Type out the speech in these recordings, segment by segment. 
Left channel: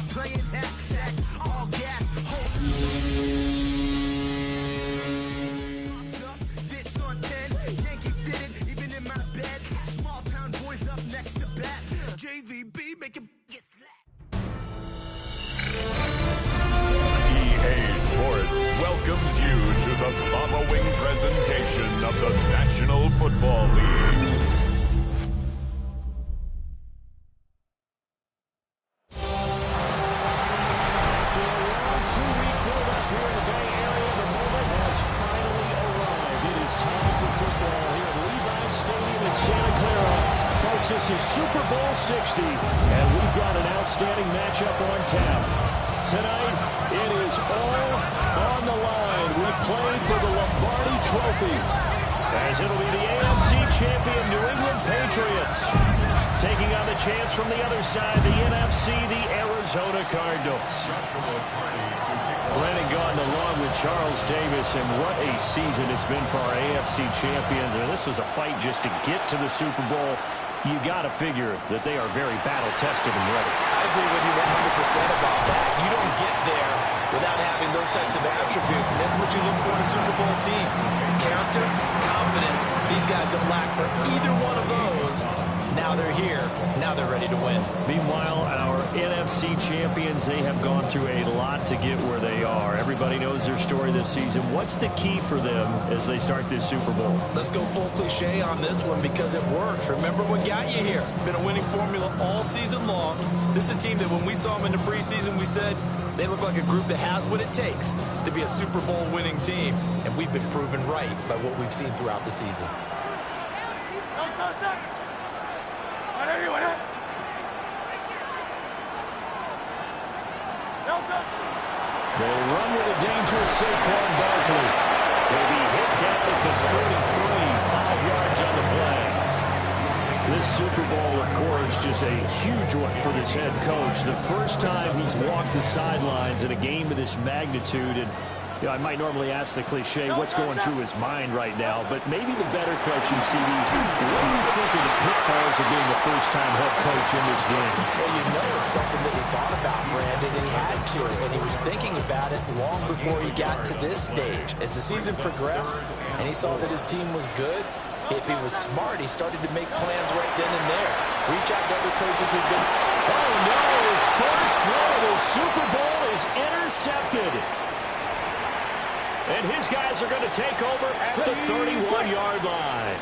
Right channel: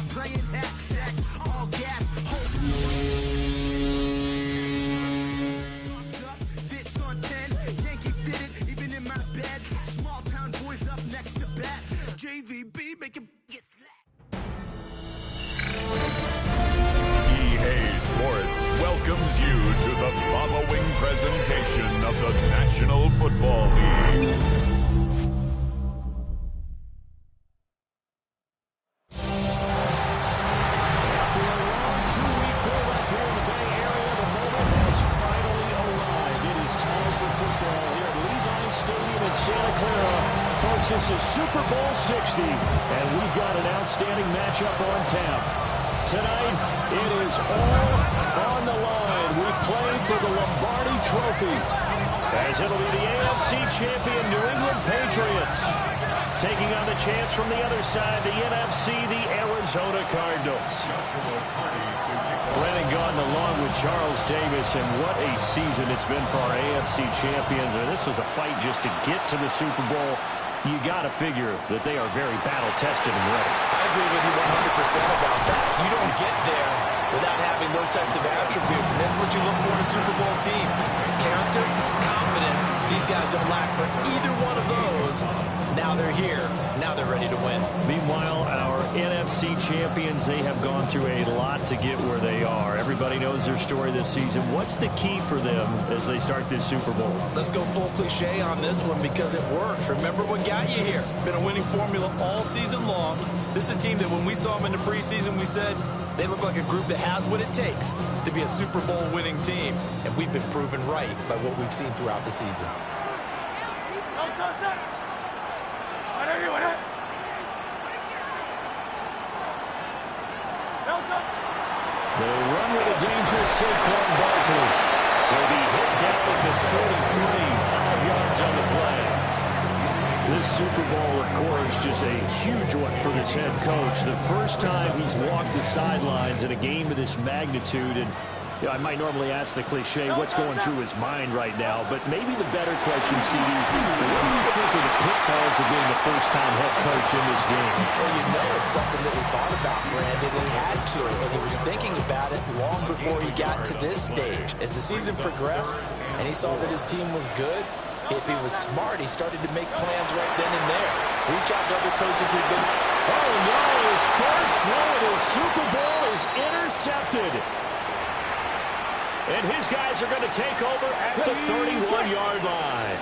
stop playing hexac. All gas, hold fits on 10, Yankee fitted, even in my bed. Small town boys up next to bat. JVB make it get slapped. EA Sports welcomes you to the following presentation of the National Football League. After a long two-week build-up here in the Bay Area, the moment has finally arrived. It is time for football here at Levine Stadium in Santa Clara. Folks, this is Super Bowl 60, and we've got an outstanding matchup on tap. Tonight, it is all on the line. We play for the Lombardi Trophy, as it'll be the AFC champion New England Patriots taking on the chance from the other side, the NFC, the Arizona Cardinals. Brandon Gaudin along with Charles Davis, and what a season it's been for our AFC champions. And this was a fight just to get to the Super Bowl. You got to figure that they are very battle-tested and ready. I agree with you 100% about that. You don't get there without having those types of attributes, and that's what you look for in a Super Bowl team. Character, confidence. These guys don't lack for either one of those. Now they're here. Now they're ready to win. Meanwhile, our NFC champions, they have gone through a lot to get where they are. Everybody knows their story this season. What's the key for them as they start this Super Bowl? Let's go full cliche on this one because it works. Remember what got you here. Been a winning formula all season long. This is a team that when we saw them in the preseason, we said they look like a group that has what it takes to be a Super Bowl winning team. And we've been proven right by what we've seen throughout the season. They run with a dangerous Saquon Barkley. He'll be hit down at the 33, 5 yards on the play. This Super Bowl, of course, just a huge one for this head coach. The first time he's walked the sidelines in a game of this magnitude. And you know, I might normally ask the cliche, what's going through his mind right now? But maybe the better question, CD, what do you think of the pitfalls of being the first-time head coach in this game? Well, you know it's something that he thought about, Brandon, and he had to. And he was thinking about it long before he got to this stage. As the season progressed and he saw that his team was good, if he was smart, he started to make plans right then and there. Reach out to other coaches who've been... Oh, no, his first throw of the Super Bowl is intercepted. And his guys are going to take over at the 31-yard line.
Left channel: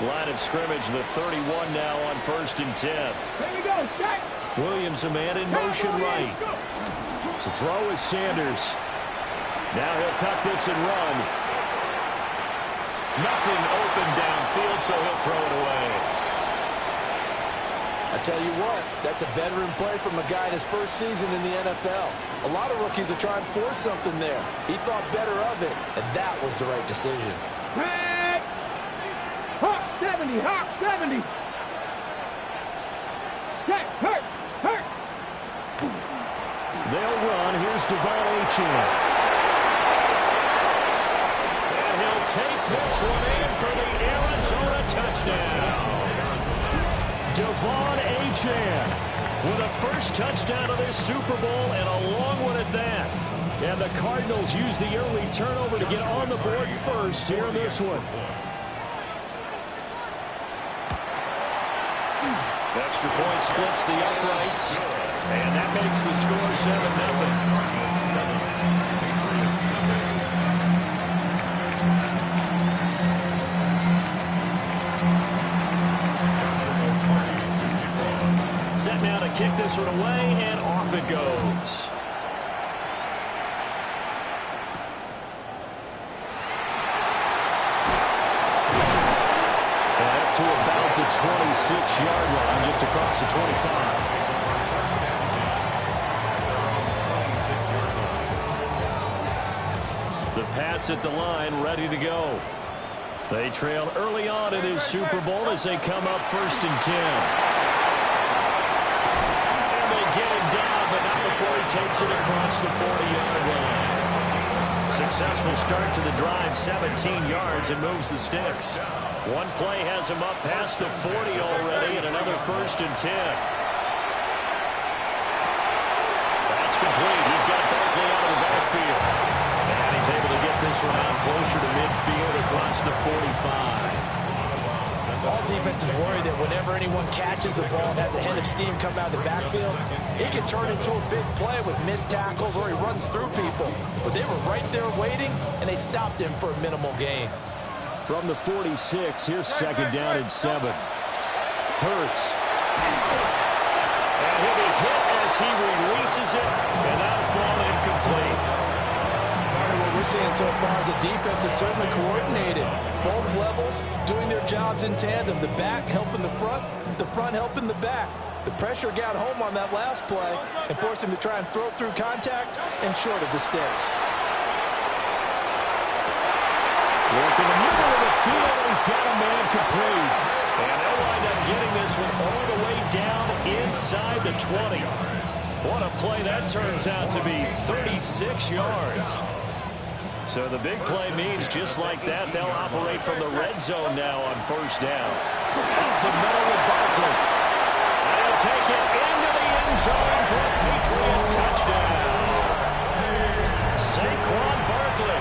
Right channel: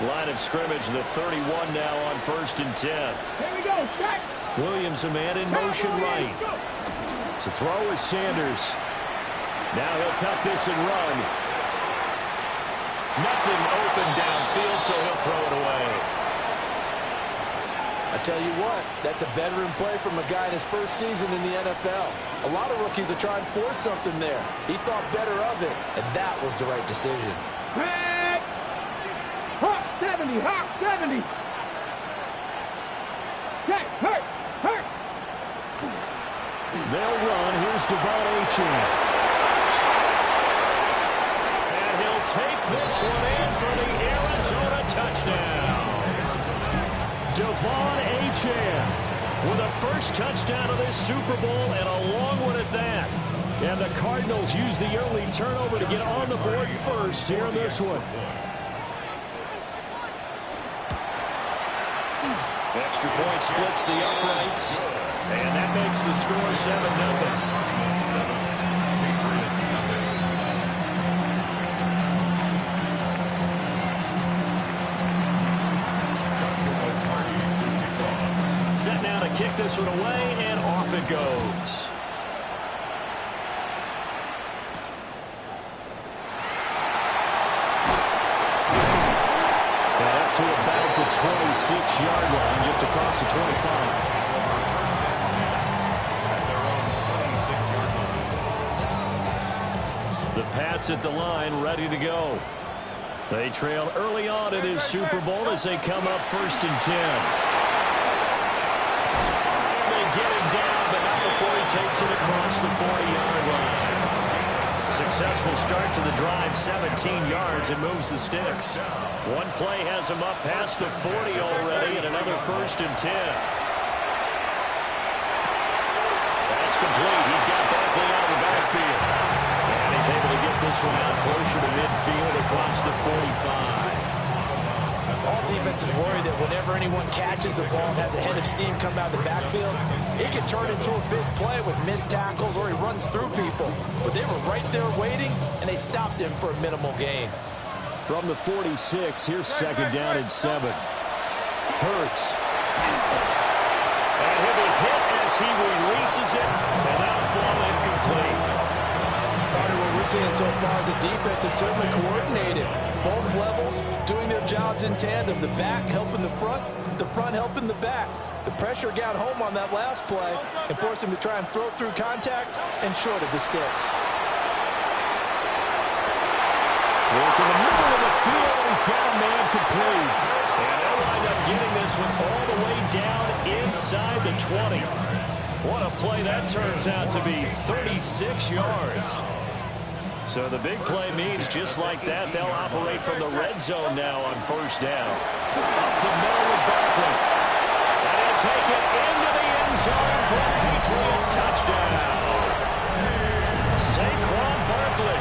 Line of scrimmage, the 31 now on 1st and 10. Here we go, check. Williams a man in motion right. To throw is Sanders. Now he'll tuck this and run. Nothing open downfield, so he'll throw it away. I tell you what, that's a veteran play from a guy in his first season in the NFL. A lot of rookies are trying to force something there. He thought better of it, and that was the right decision. Hey! Hawk 70, Hawk 70. Check, hurt, hurt. They'll run. Here's Devon Achane. And he'll take this one in for the Arizona touchdown. Devon Achane with a first touchdown of this Super Bowl, and a long one at that. And the Cardinals use the early turnover to get on the board first here in this one. Extra point splits the uprights, and that makes the score 7-0. Now to kick this one away, and off it goes. And up to about the 26-yard line, just across the 25. The Pats at the line, ready to go. They trailed early on in this Super Bowl as they come up 1st and 10. Get him down, but not before he takes it across the 40-yard line. Successful start to the drive, 17 yards, and moves the sticks. One play has him up past the 40 already, and another 1st and 10. That's complete. He's got Barkley out of the backfield. And he's able to get this one out closer to midfield across the 45. All defenses worry that whenever anyone catches the ball and has a head of steam come out of the backfield, it can turn into a big play with missed tackles or he runs through people. But they were right there waiting, and they stopped him for a minimal gain. From the 46, here's second down and 7. Hurts. And he'll be hit as he releases it, and that'll fall incomplete. Partner, what we're seeing so far is the defense is certainly coordinated. Both levels doing their jobs in tandem. The back helping the front helping the back. The pressure got home on that last play and forced him to try and throw through contact and short of the sticks. Work in the middle of the field, and he's got a man complete. And they'll wind up getting this one all the way down inside the 20. What a play that turns out to be, 36 yards. So the big play means just like that, they'll operate from the red zone now on first down. Up the middle with Barkley. And he'll take it into the end zone for a Patriot touchdown. Saquon Barkley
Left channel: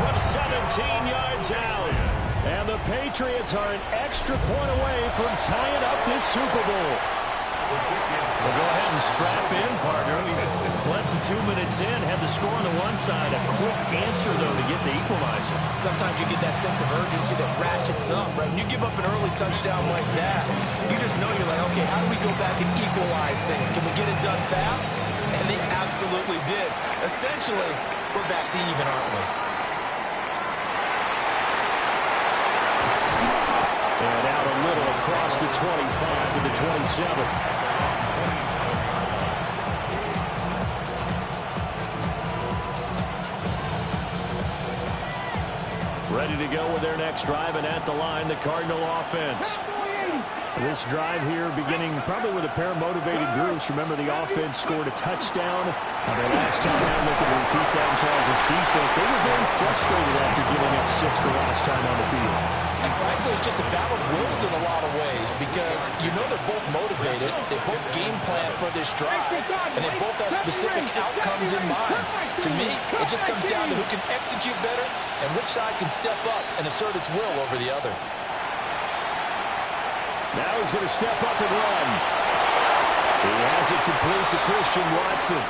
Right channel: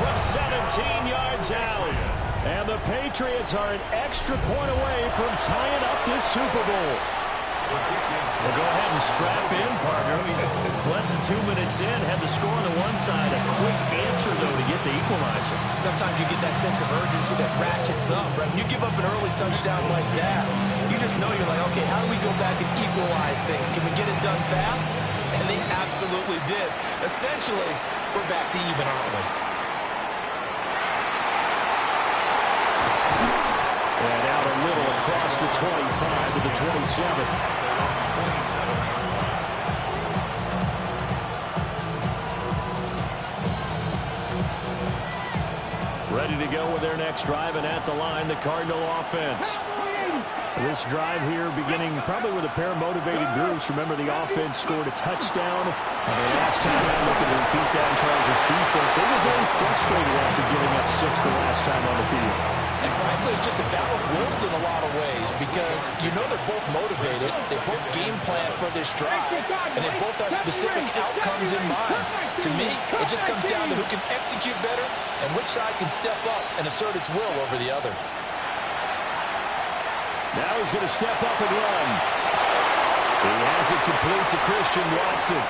from 17 yards out. And the Patriots are an extra point away from tying up this Super Bowl. Well, go ahead and strap in, partner. Less than 2 minutes in, had the score on the one side. A quick answer, though, to get the equalizer. Sometimes you get that sense of urgency that ratchets up, right? When you give up an early touchdown like that, you just know you're like, okay, how do we go back and equalize things? Can we get it done fast? And they absolutely did. Essentially, we're back to even, aren't we? And out a little across the 25 to the 27. Ready to go with their next drive, and at the line, the Cardinal offense. This drive here beginning probably with a pair of motivated groups. Remember, the offense scored a touchdown. Their last time out, looking to repeat that in Charles' defense. They were very frustrated after giving up 6 the last time on the field. And frankly, it's just a battle of wills in a lot of ways because you know they're both motivated. They both game plan for this drive, and they both have specific outcomes in mind. To me, it just comes down to who can execute better and which side can step up and assert its will over the other. Now he's going to step up and run. He has it complete to Christian Watson.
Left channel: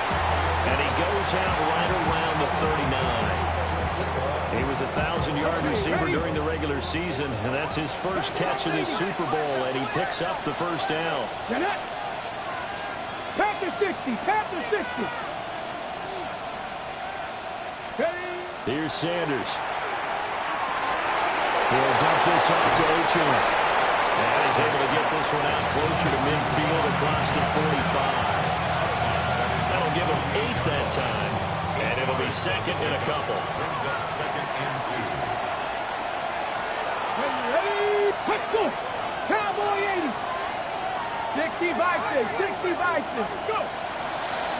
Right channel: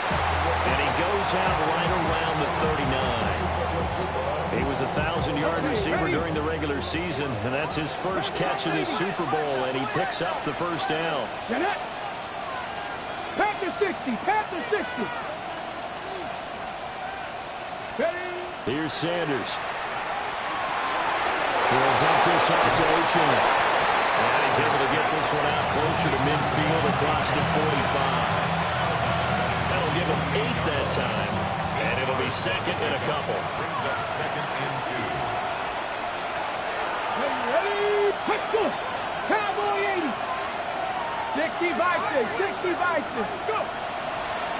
And he goes out right around the 39. He was a 1,000-yard receiver during the regular season, and that's his first catch of this Super Bowl, and he picks up the first down. Panther 60, Panther 60. Here's Sanders. He'll dump this off to Achane. And he's able to get this one out closer to midfield across the 45. That'll give him 8 that time. And it'll be second and a couple. Brings up second and 2. Ready? Let's go. Cowboy 80. 60 by 6. 60 by 6. Go.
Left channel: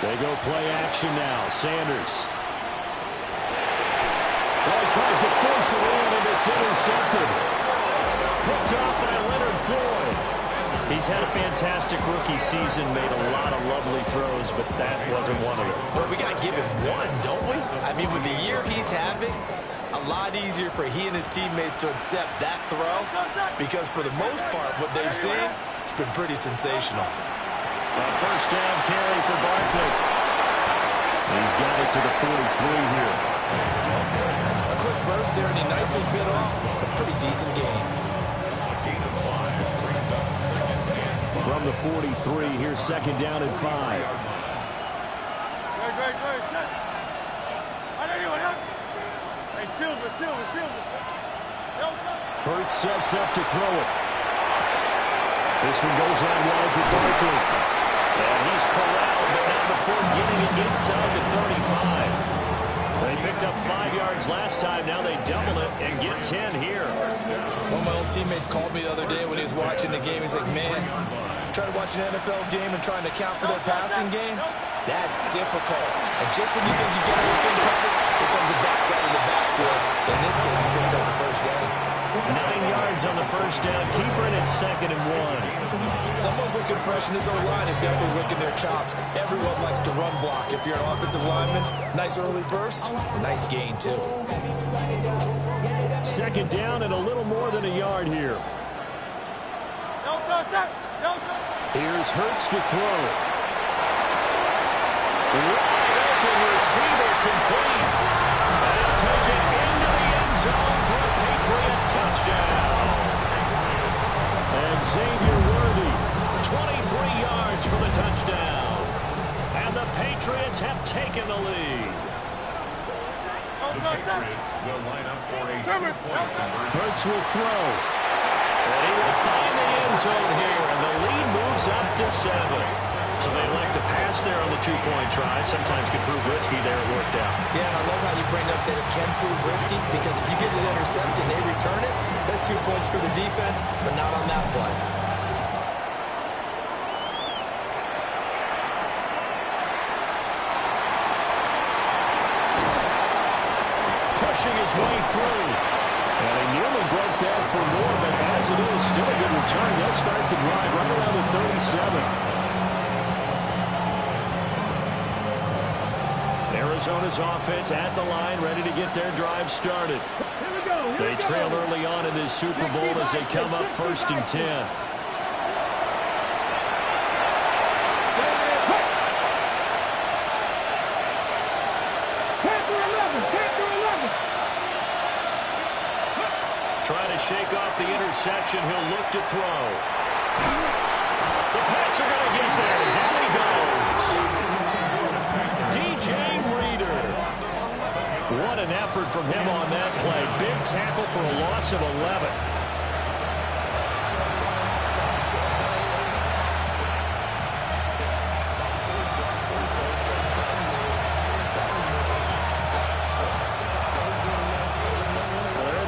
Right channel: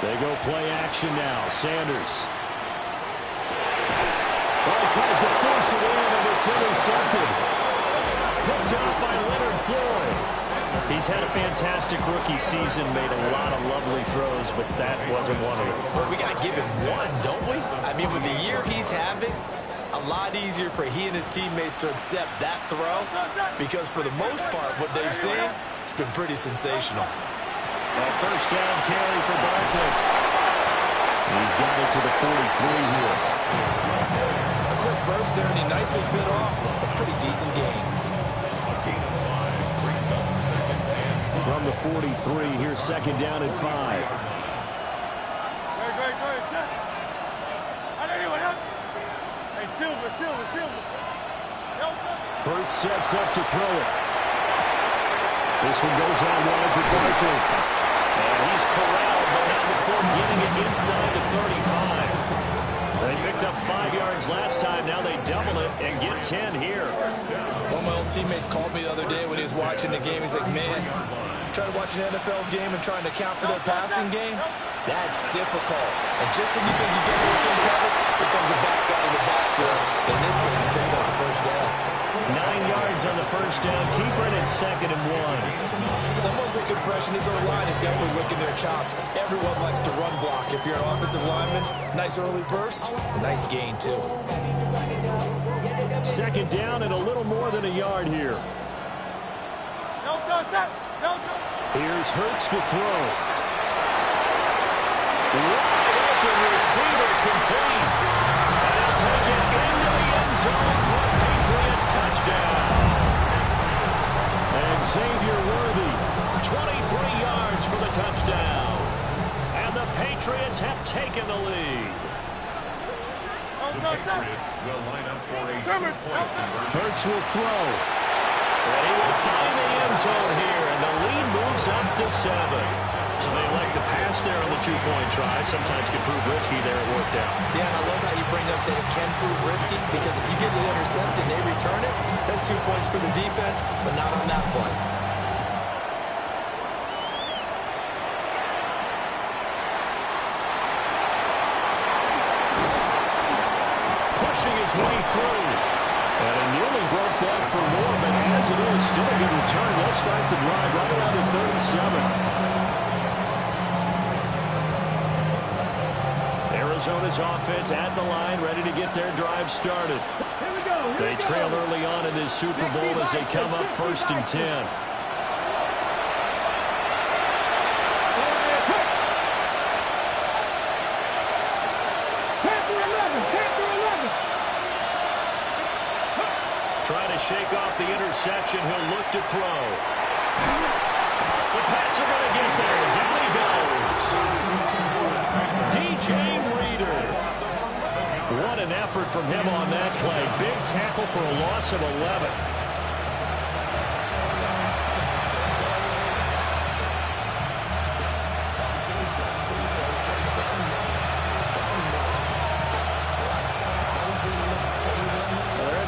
They go play action now. Sanders. Well, he tries to force it in, and it's intercepted. Picked off by Leonard Floyd. He's had a fantastic rookie season, made a lot of lovely throws, but that wasn't one of them. Well, we got to give him one, don't we? I mean, with the year he's having, a lot easier for he and his teammates to accept that throw because for the most part, what they've seen, it's been pretty sensational. A first down carry for Barkley. He's got it to the 43 here. A quick burst there, and he nicely bit off a pretty decent gain. From the 43, here's second down and 5. Hurts sets up to throw it. This one goes out wide for Barkley. And he's corralled, but not before getting it inside the 35. They picked up 5 yards last time. Now they double it and get 10 here. One of my old teammates called me the other day when he was watching the game. He's like, man, trying to watch an NFL game and trying to account for their passing game, that's difficult. And just when you think you get everything covered, here comes a back out of the backfield. In this case, he picks up the first down. 9 yards on the first down. Keeper in at 2nd and 1. Someone's looking fresh, and this O-line is definitely licking their chops. Everyone likes to run block. If you're an offensive lineman, nice early burst, nice gain, too. 2nd down and a little more than a yard here. Here's Hurts to throw. Wide open receiver complete. And he'll take it into the end zone for a Patriot touchdown. And Xavier Worthy, 23 yards for the touchdown. And the Patriots have taken the lead. The Patriots will line up for a 2-point conversion. Hurts will throw. And he will find the end zone here, and the lead moves up to 7. So they elect to pass there on the 2-point try. Sometimes can prove risky there. It worked out. Yeah, and I love how you bring up that it can prove risky, because if you get it intercepted and they return it, that's 2 points for the defense, but not on that play. Pushing his way through. And he nearly broke that for more, but as it is, still a good return. They'll start the drive right around the 37. Arizona's offense at the line, ready to get their drive started. They trail early on in this Super Bowl as they come up 1st and 10. Trying to shake off the interception. He'll look to throw. The Pats are going to get there. Down he goes. DJ Reader. What an effort from him on that play. Big tackle for a loss of 11.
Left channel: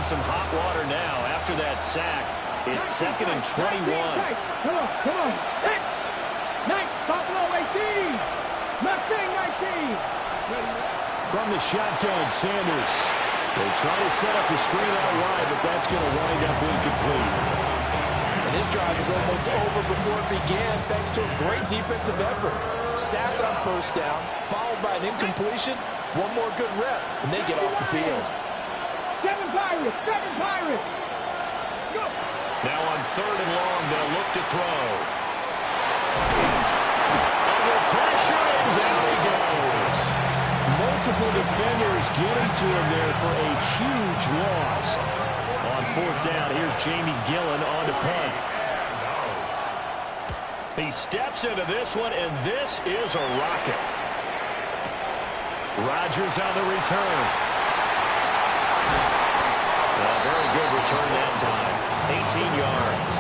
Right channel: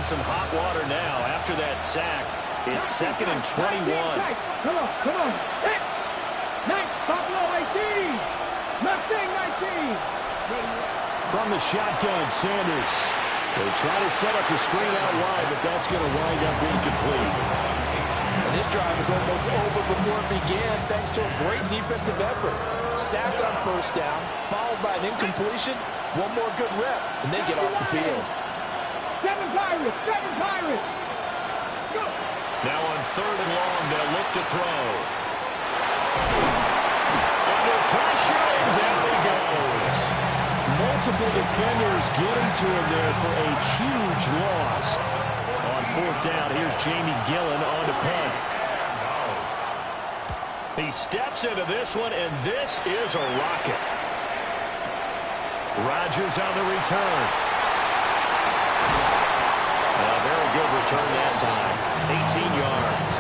Some hot water now after that sack. It's 2nd and 21. Come on. Next, Buffalo 18. Mustang 19. From the shotgun, Sanders. They try to set up the screen out wide, but that's going to wind up incomplete. And this drive is almost over before it began, thanks to a great defensive effort. Sacked on 1st down, followed by an incompletion. One more good rep, and they get off the field. 7 Pirates. Go. Now on 3rd and long, they'll look to throw. Under pressure, and down he goes. Multiple defenders getting to him there for a huge loss. On 4th down, here's Jamie Gillen on to punt. He steps into this one, and this is a rocket. Rodgers on the return. A very good return that time. 18 yards.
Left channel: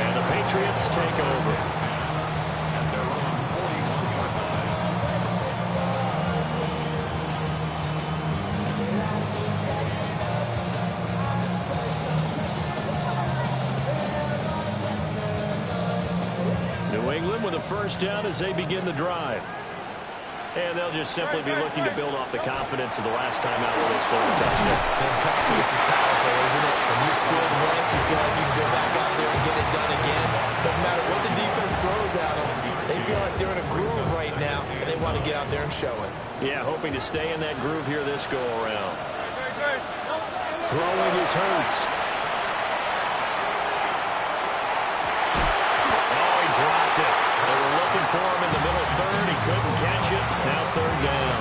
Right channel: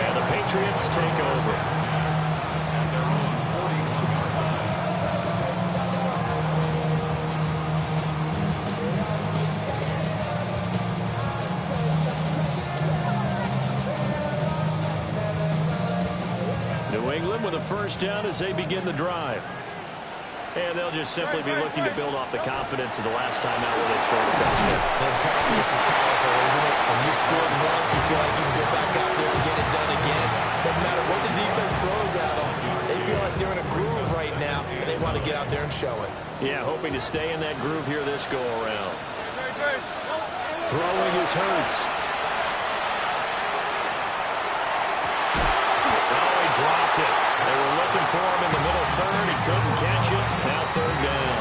And the Patriots take over. And they're on 41-yard line. New England with a 1st down as they begin the drive. And they'll just simply be looking to build off the confidence of the last time out where they scored a touchdown. And confidence is powerful, isn't it? When you scored once, you feel like you can go back out there and get it done again. Doesn't matter what the defense throws at them. They feel like they're in a groove right now, and they want to get out there and show it. Yeah, hoping to stay in that groove here this go-around. Throwing is Hurts. Oh, he dropped it. They were looking for him in the middle 3rd. He couldn't catch it. Now 3rd down.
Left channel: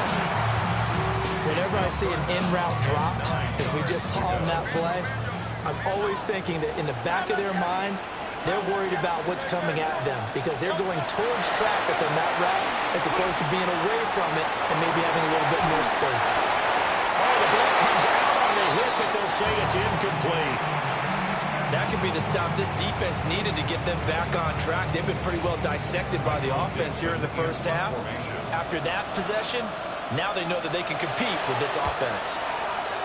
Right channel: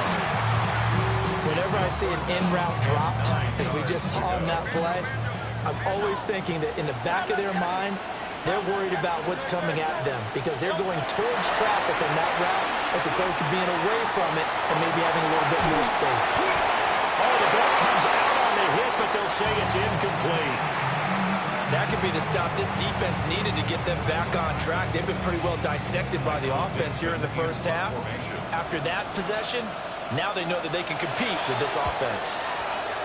Whenever I see an in-route dropped, as we just saw on that play, I'm always thinking that in the back of their mind, they're worried about what's coming at them because they're going towards traffic on that route as opposed to being away from it and maybe having a little bit more space. Oh, the ball comes out on the hit, but they'll say it's incomplete. That could be the stop this defense needed to get them back on track. They've been pretty well dissected by the offense here in the 1st half. After that possession, now they know that they can compete with this offense.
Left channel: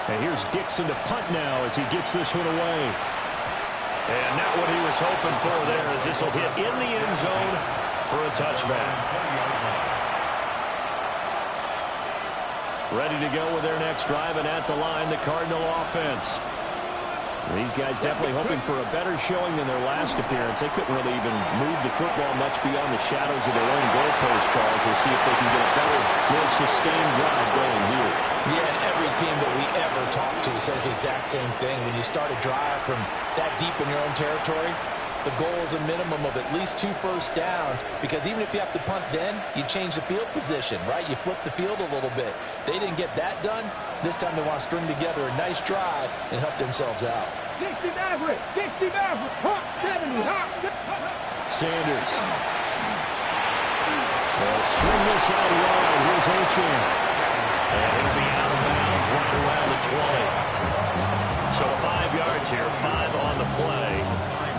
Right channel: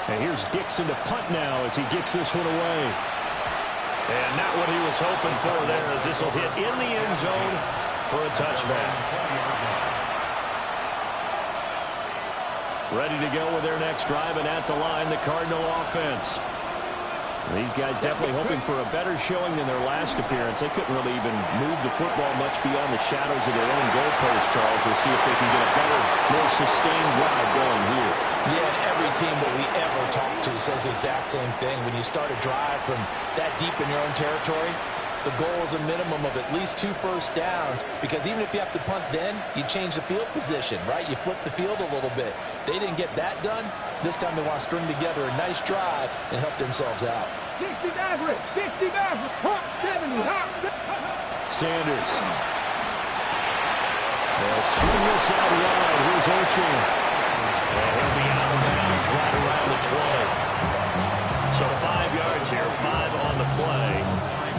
And here's Dixon to punt now as he gets this one away. And not what he was hoping for there as this will hit in the end zone for a touchback. Ready to go with their next drive, and at the line, the Cardinal offense. These guys definitely hoping for a better showing than their last appearance. They couldn't really even move the football much beyond the shadows of their own goalpost, Charles. We'll see if they can get a better, more sustained drive going here. Yeah, and every team that we ever talk to says the exact same thing. When you start a drive from that deep in your own territory, the goal is a minimum of at least 2 first downs, because even if you have to punt then, you change the field position, right? You flip the field a little bit. They didn't get that done. This time they want to string together a nice drive and help themselves out. 60 average, 60 average, hop 70, hop. Sanders. They'll swing this out wide. Here's Achane. And he'll be out of bounds right around the 20. So 5 yards here, 5 on the play.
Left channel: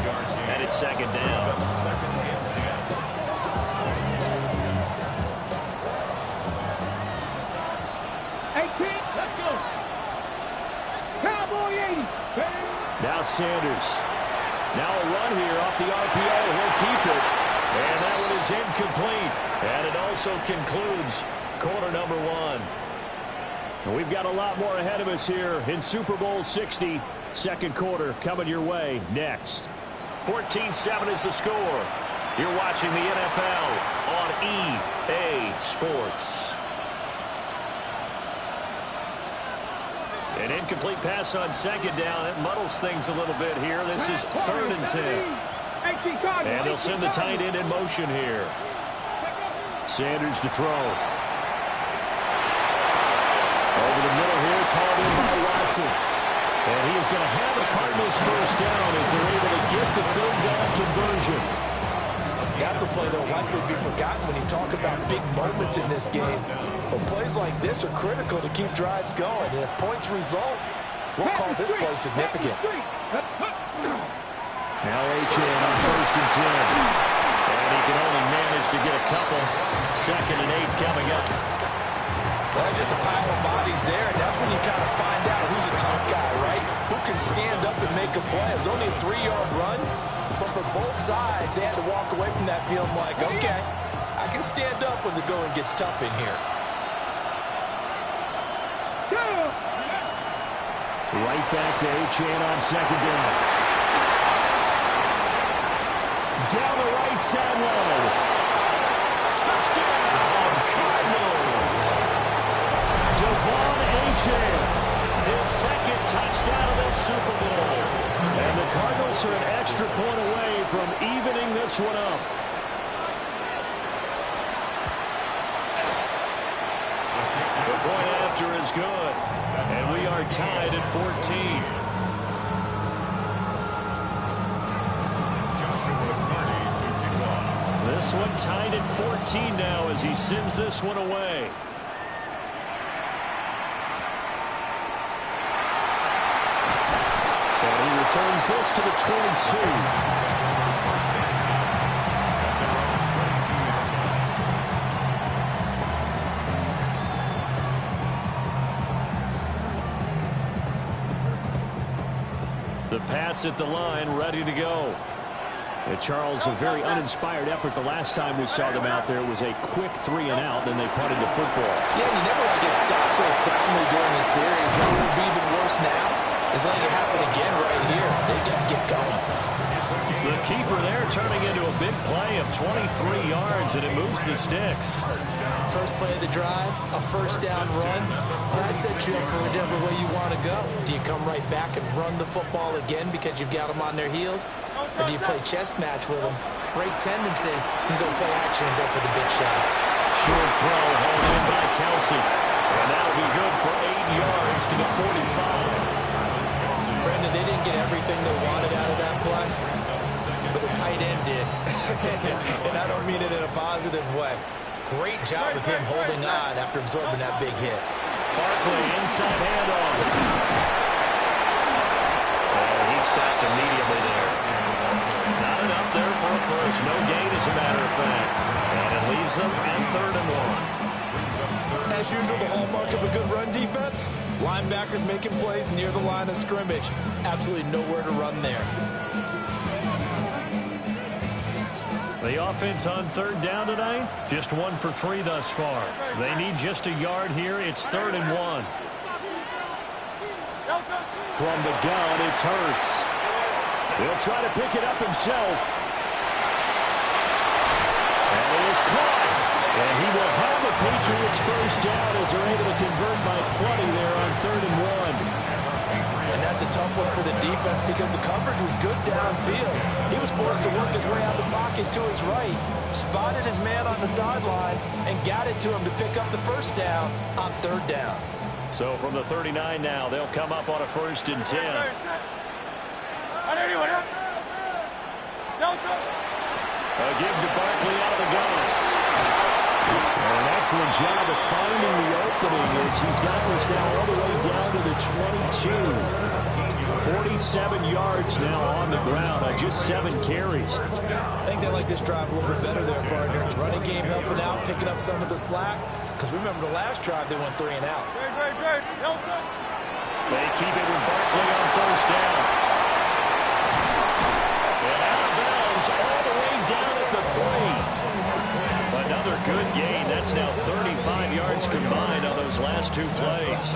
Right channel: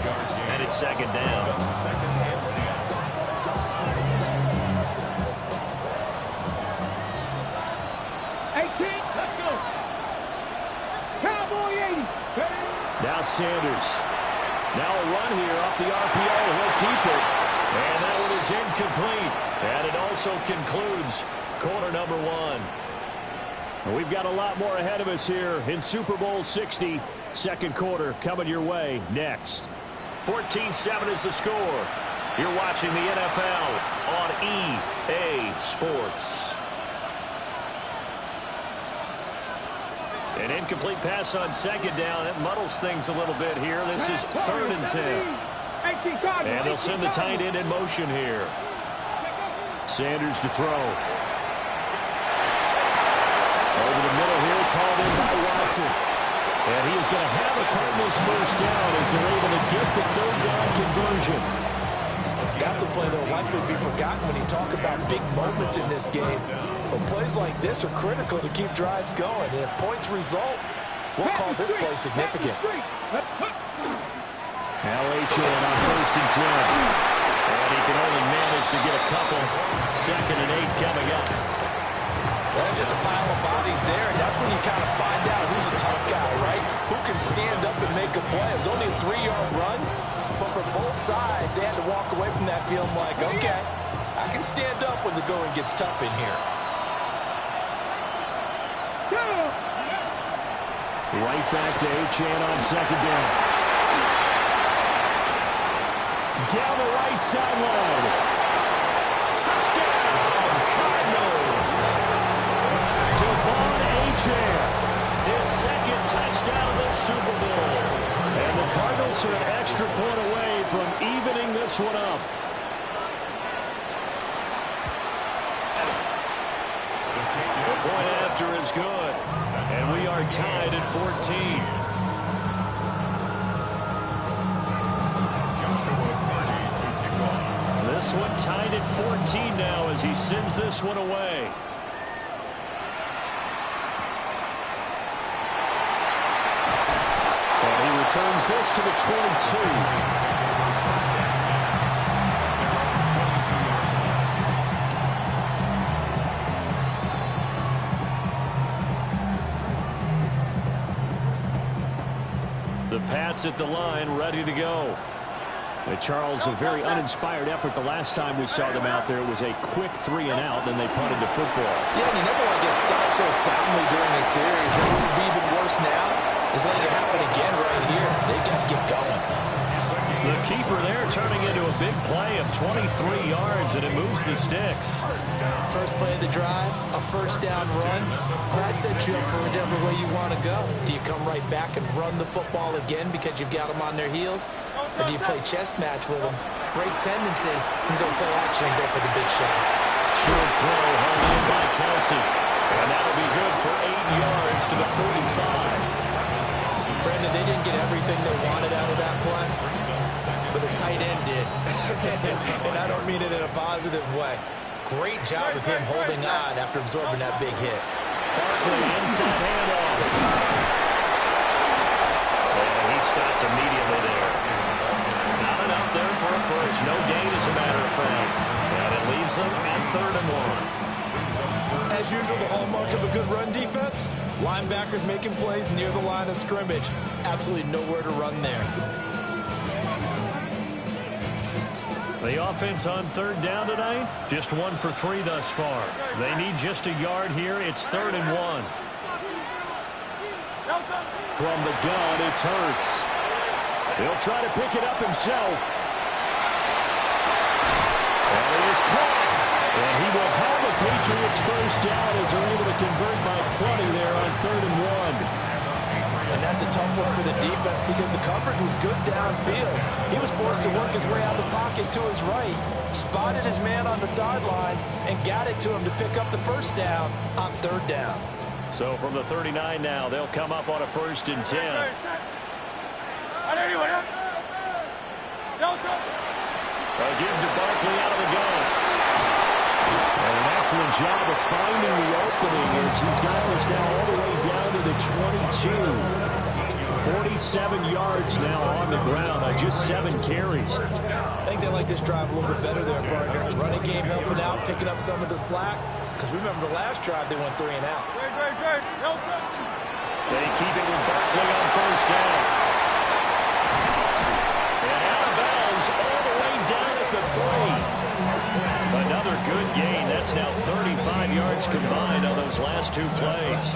And it's second down. 18, let's go. Cowboy 80. Now Sanders. Now a run here off the RPO. He'll keep it. And that one is incomplete. And it also concludes quarter number 1. And we've got a lot more ahead of us here in Super Bowl 60. Second quarter coming your way next. 14-7 is the score. You're watching the NFL on EA Sports. An incomplete pass on second down. It muddles things a little bit here. This is 3rd and 10. And they'll send the tight end in motion here. Sanders to throw. Over the middle here, it's hauled in by Watson. And he is going to have a Cardinals first down as they're able to get the 3rd down conversion. That's a play that will likely be forgotten when you talk about big moments in this game. But plays like this are critical to keep drives going. And if points result, we'll call this play significant. Now Achane on 1st and 10. And he can only manage to get a couple. 2nd and 8 coming up. Well, there's just a pile of bodies there, and that's when you kind of find out who's a tough guy, right? Who can stand up and make a play. It was only a 3-yard run, but for both sides, they had to walk away from that field like, okay, I can stand up when the going gets tough in here. Right back to Achane on 2nd down. Down the right sideline. Touchdown, Cardinals. Devon Achane, his 2nd touchdown of this Super Bowl. And the Cardinals are an extra point away from evening this one up. The point after is good. And we are tied at 14. This one tied at 14 now as he sends this one away. And he returns this to the 22. The Pats at the line, ready to go. Charles, a very uninspired effort the last time we saw them out there. It was a quick 3 and out, then they punted the football. Yeah, and you never want to get stopped so soundly during this series. What would be even worse now is letting it happen again right here. They've got to get going. The keeper there turning into a big play of 23 yards, and it moves the sticks. First play of the drive, a first down run. That sets you up for whichever way you want to go. Do you come right back and run the football again because you've got them on their heels? Or do you play chess match with them, break tendency, and go play action and go for the big shot? Short throw hauled in by Kelsey. And that'll be good for 8 yards to the 45. Brandon, they didn't get everything they wanted out of that play, but the tight end did. And I don't mean it in a positive way. Great job of him holding on after absorbing that big hit. Barkley inside handoff. And he stopped immediately there. Not enough there for a first. No gain, as a matter of fact. And it leaves them at 3rd and 1. As usual, the hallmark of a good run defense, linebackers making plays near the line of scrimmage. Absolutely nowhere to run there. The offense on 3rd down tonight, just 1 for 3 thus far. They need just a yard here. It's 3rd and 1. From the gun, it's Hurts. He'll try to pick it up himself. And it is caught. And he will have the Patriots first down as they're able to convert by plenty there on 3rd and 1. And that's a tough one for the defense because the coverage was good downfield. He was forced to work his way out of the pocket to his right, spotted his man on the sideline, and got it to him to pick up the first down on 3rd down. So from the 39 now, they'll come up on a 1st and 10. A give to Barkley out of the gun. And an excellent job of finding the opening as he's got this now all the way down to the 22. 47 yards now on the ground on just 7 carries. I think they like this drive a little bit better there, partner. Running game helping out, picking up some of the slack. Because remember the last drive, they went 3 and out. They keep it with Barkley on 1st down. And out of bounds all the way down at the 3. Another good gain. That's now 35 yards combined on those last 2 plays.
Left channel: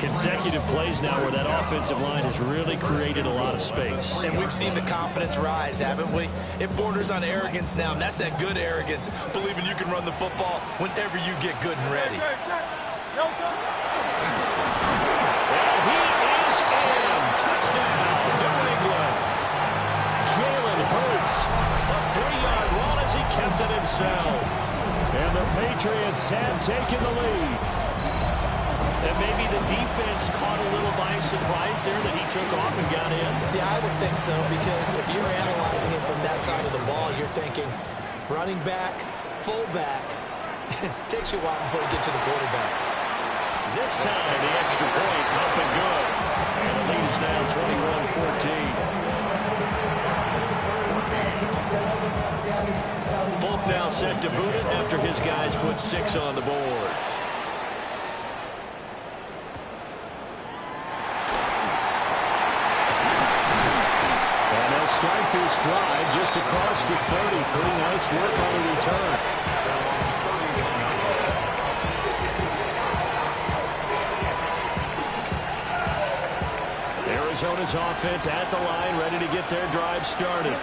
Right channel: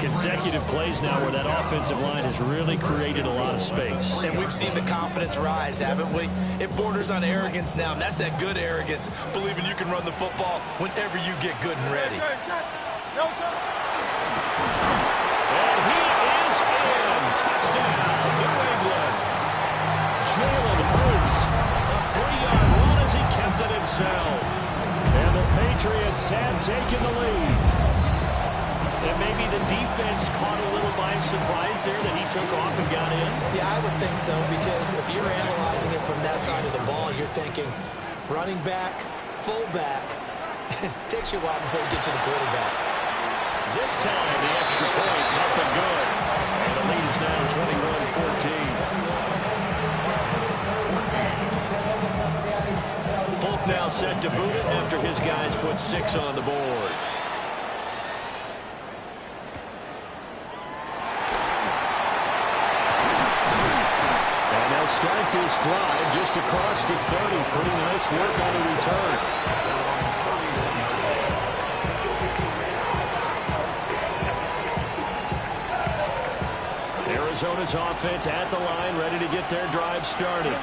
Consecutive plays now where that offensive line has really created a lot of space. And we've seen the confidence rise, haven't we? It borders on arrogance now, and that's that good arrogance, believing you can run the football whenever you get good and ready. And he is in. Touchdown, New England. Jalen Hurts, a 3-yard run as he kept it himself. And the Patriots have taken the lead. And maybe the defense caught a little by surprise there that he took off and got in? Yeah, I would think so, because if you're analyzing it from that side of the ball, you're thinking running back, fullback. Takes you a while before you get to the quarterback. This time, the extra point up and good. And the lead is now 21-14. Folk now set to boot it after his guys put 6 on the board. And they'll start this drive just across the 30. Pretty nice work on the return. Arizona's offense at the line, ready to get their drive started.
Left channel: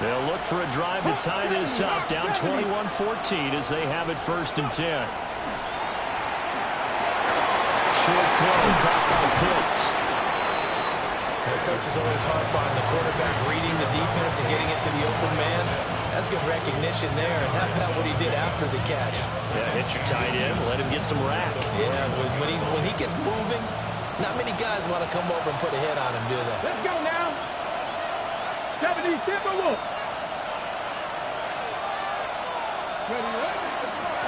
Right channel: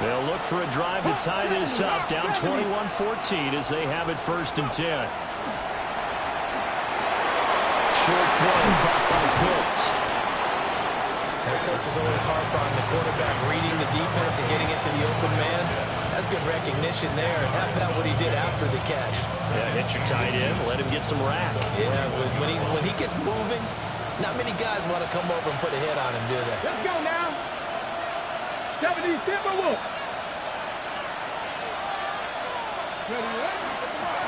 They'll look for a drive to tie this up, down 21-14 as they have it 1st and 10. Short throw, caught by Pitts. Their coaches always harp on the quarterback reading the defense and getting into the open man. That's good recognition there, and how about what he did after the catch? Yeah, hit your tight end, let him get some rack. Yeah, when he gets moving, not many guys want to come over and put a hit on him, do they? Let's go now. 70 Timberwolves.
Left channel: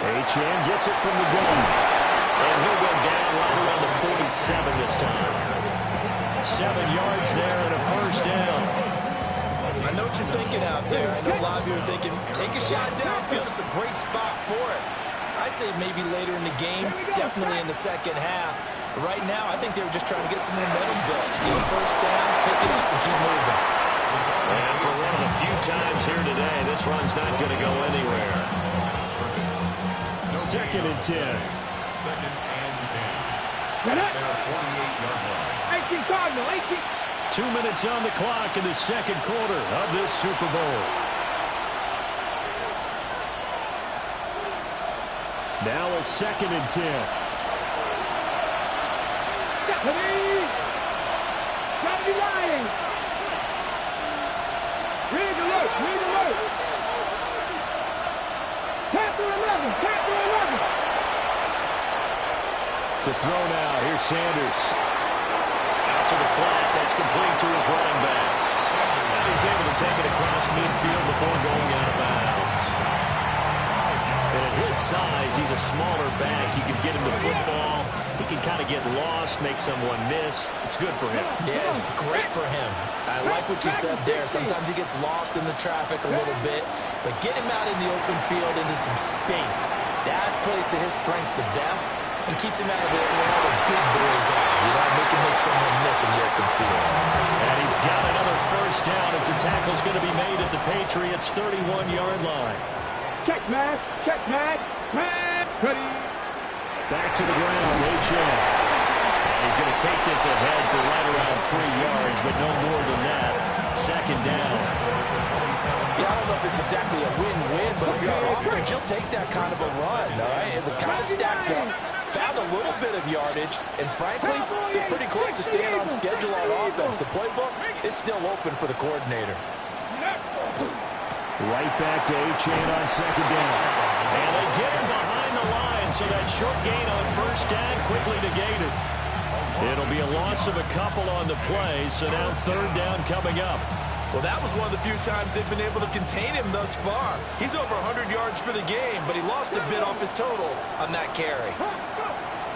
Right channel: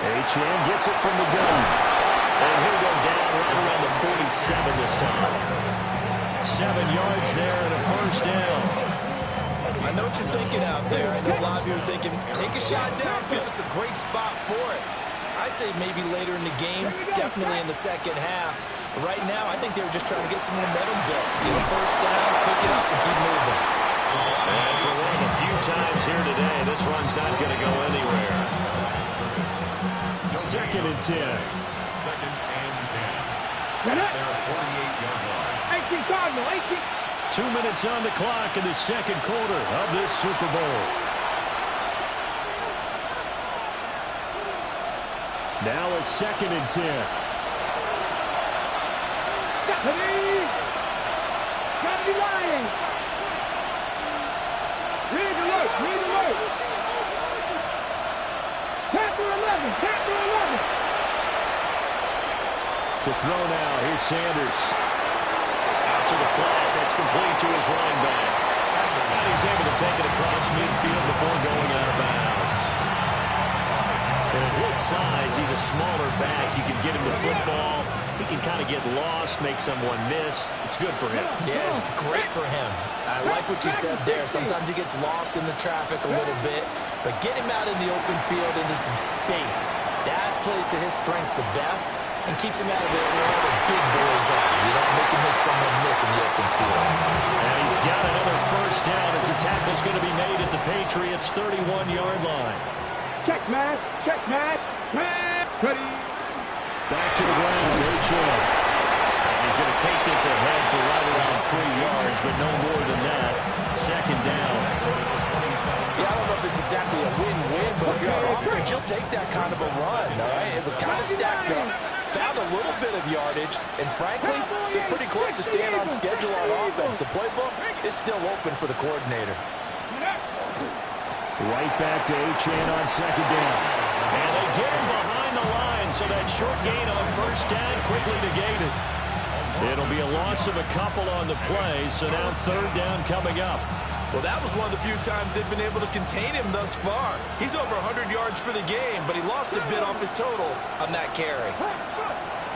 Achane gets it from the gun. And he'll go down right around the 47 this time. 7 yards there and a 1st down. I know what you're thinking out there. I know a lot of you are thinking, take a shot downfield. It's a great spot for it. I'd say maybe later in the game, definitely in the second half. But right now, I think they were just trying to get some momentum built. Get a 1st down, pick it up, and keep moving. And for one of the few times here today, this run's not going to go anywhere. 2nd and 10. 2nd and 10. Their 48-yard line. 18 Cardinal, 18. 2 minutes on the clock in the 2nd quarter of this Super Bowl. Now a 2nd and 10. Gotta be lying. Read alert, read alert. Tap 11, tap 11. To throw now, here's Sanders. Out to the flat, that's complete to his running back. And he's able to take it across midfield before going out of bounds. And at his size, he's a smaller back. You can get him to football. He can kind of get lost, make someone miss. It's good for him. Yeah, it's great for him. I like what you said there. Sometimes he gets lost in the traffic a little bit, but get him out in the open field into some space. That plays to his strengths the best and keeps him out of it where all the big boys are. You know, make someone miss in the open field. And he's got another 1st down as the tackle's going to be made at the Patriots' 31-yard line. Check, Matt. Check, Matt. Matt. Ready. Back to the ground, Achane. And he's going to take this ahead for right around 3 yards, but no more than that. Second down. Yeah, I don't know if it's exactly a win-win, but if you're on offense, you'll take that kind of a run, all right? It was kind of stacked up, found a little bit of yardage, and frankly, they're pretty close to staying on schedule on offense. The playbook is still open for the coordinator. Right back to Achane on second down. And they get him behind the line, so that short gain on first down quickly negated. It'll be a loss of a couple on the play, so now third down coming up. Well, that was one of the few times they've been able to contain him thus far. He's over 100 yards for the game, but he lost a bit off his total on that carry.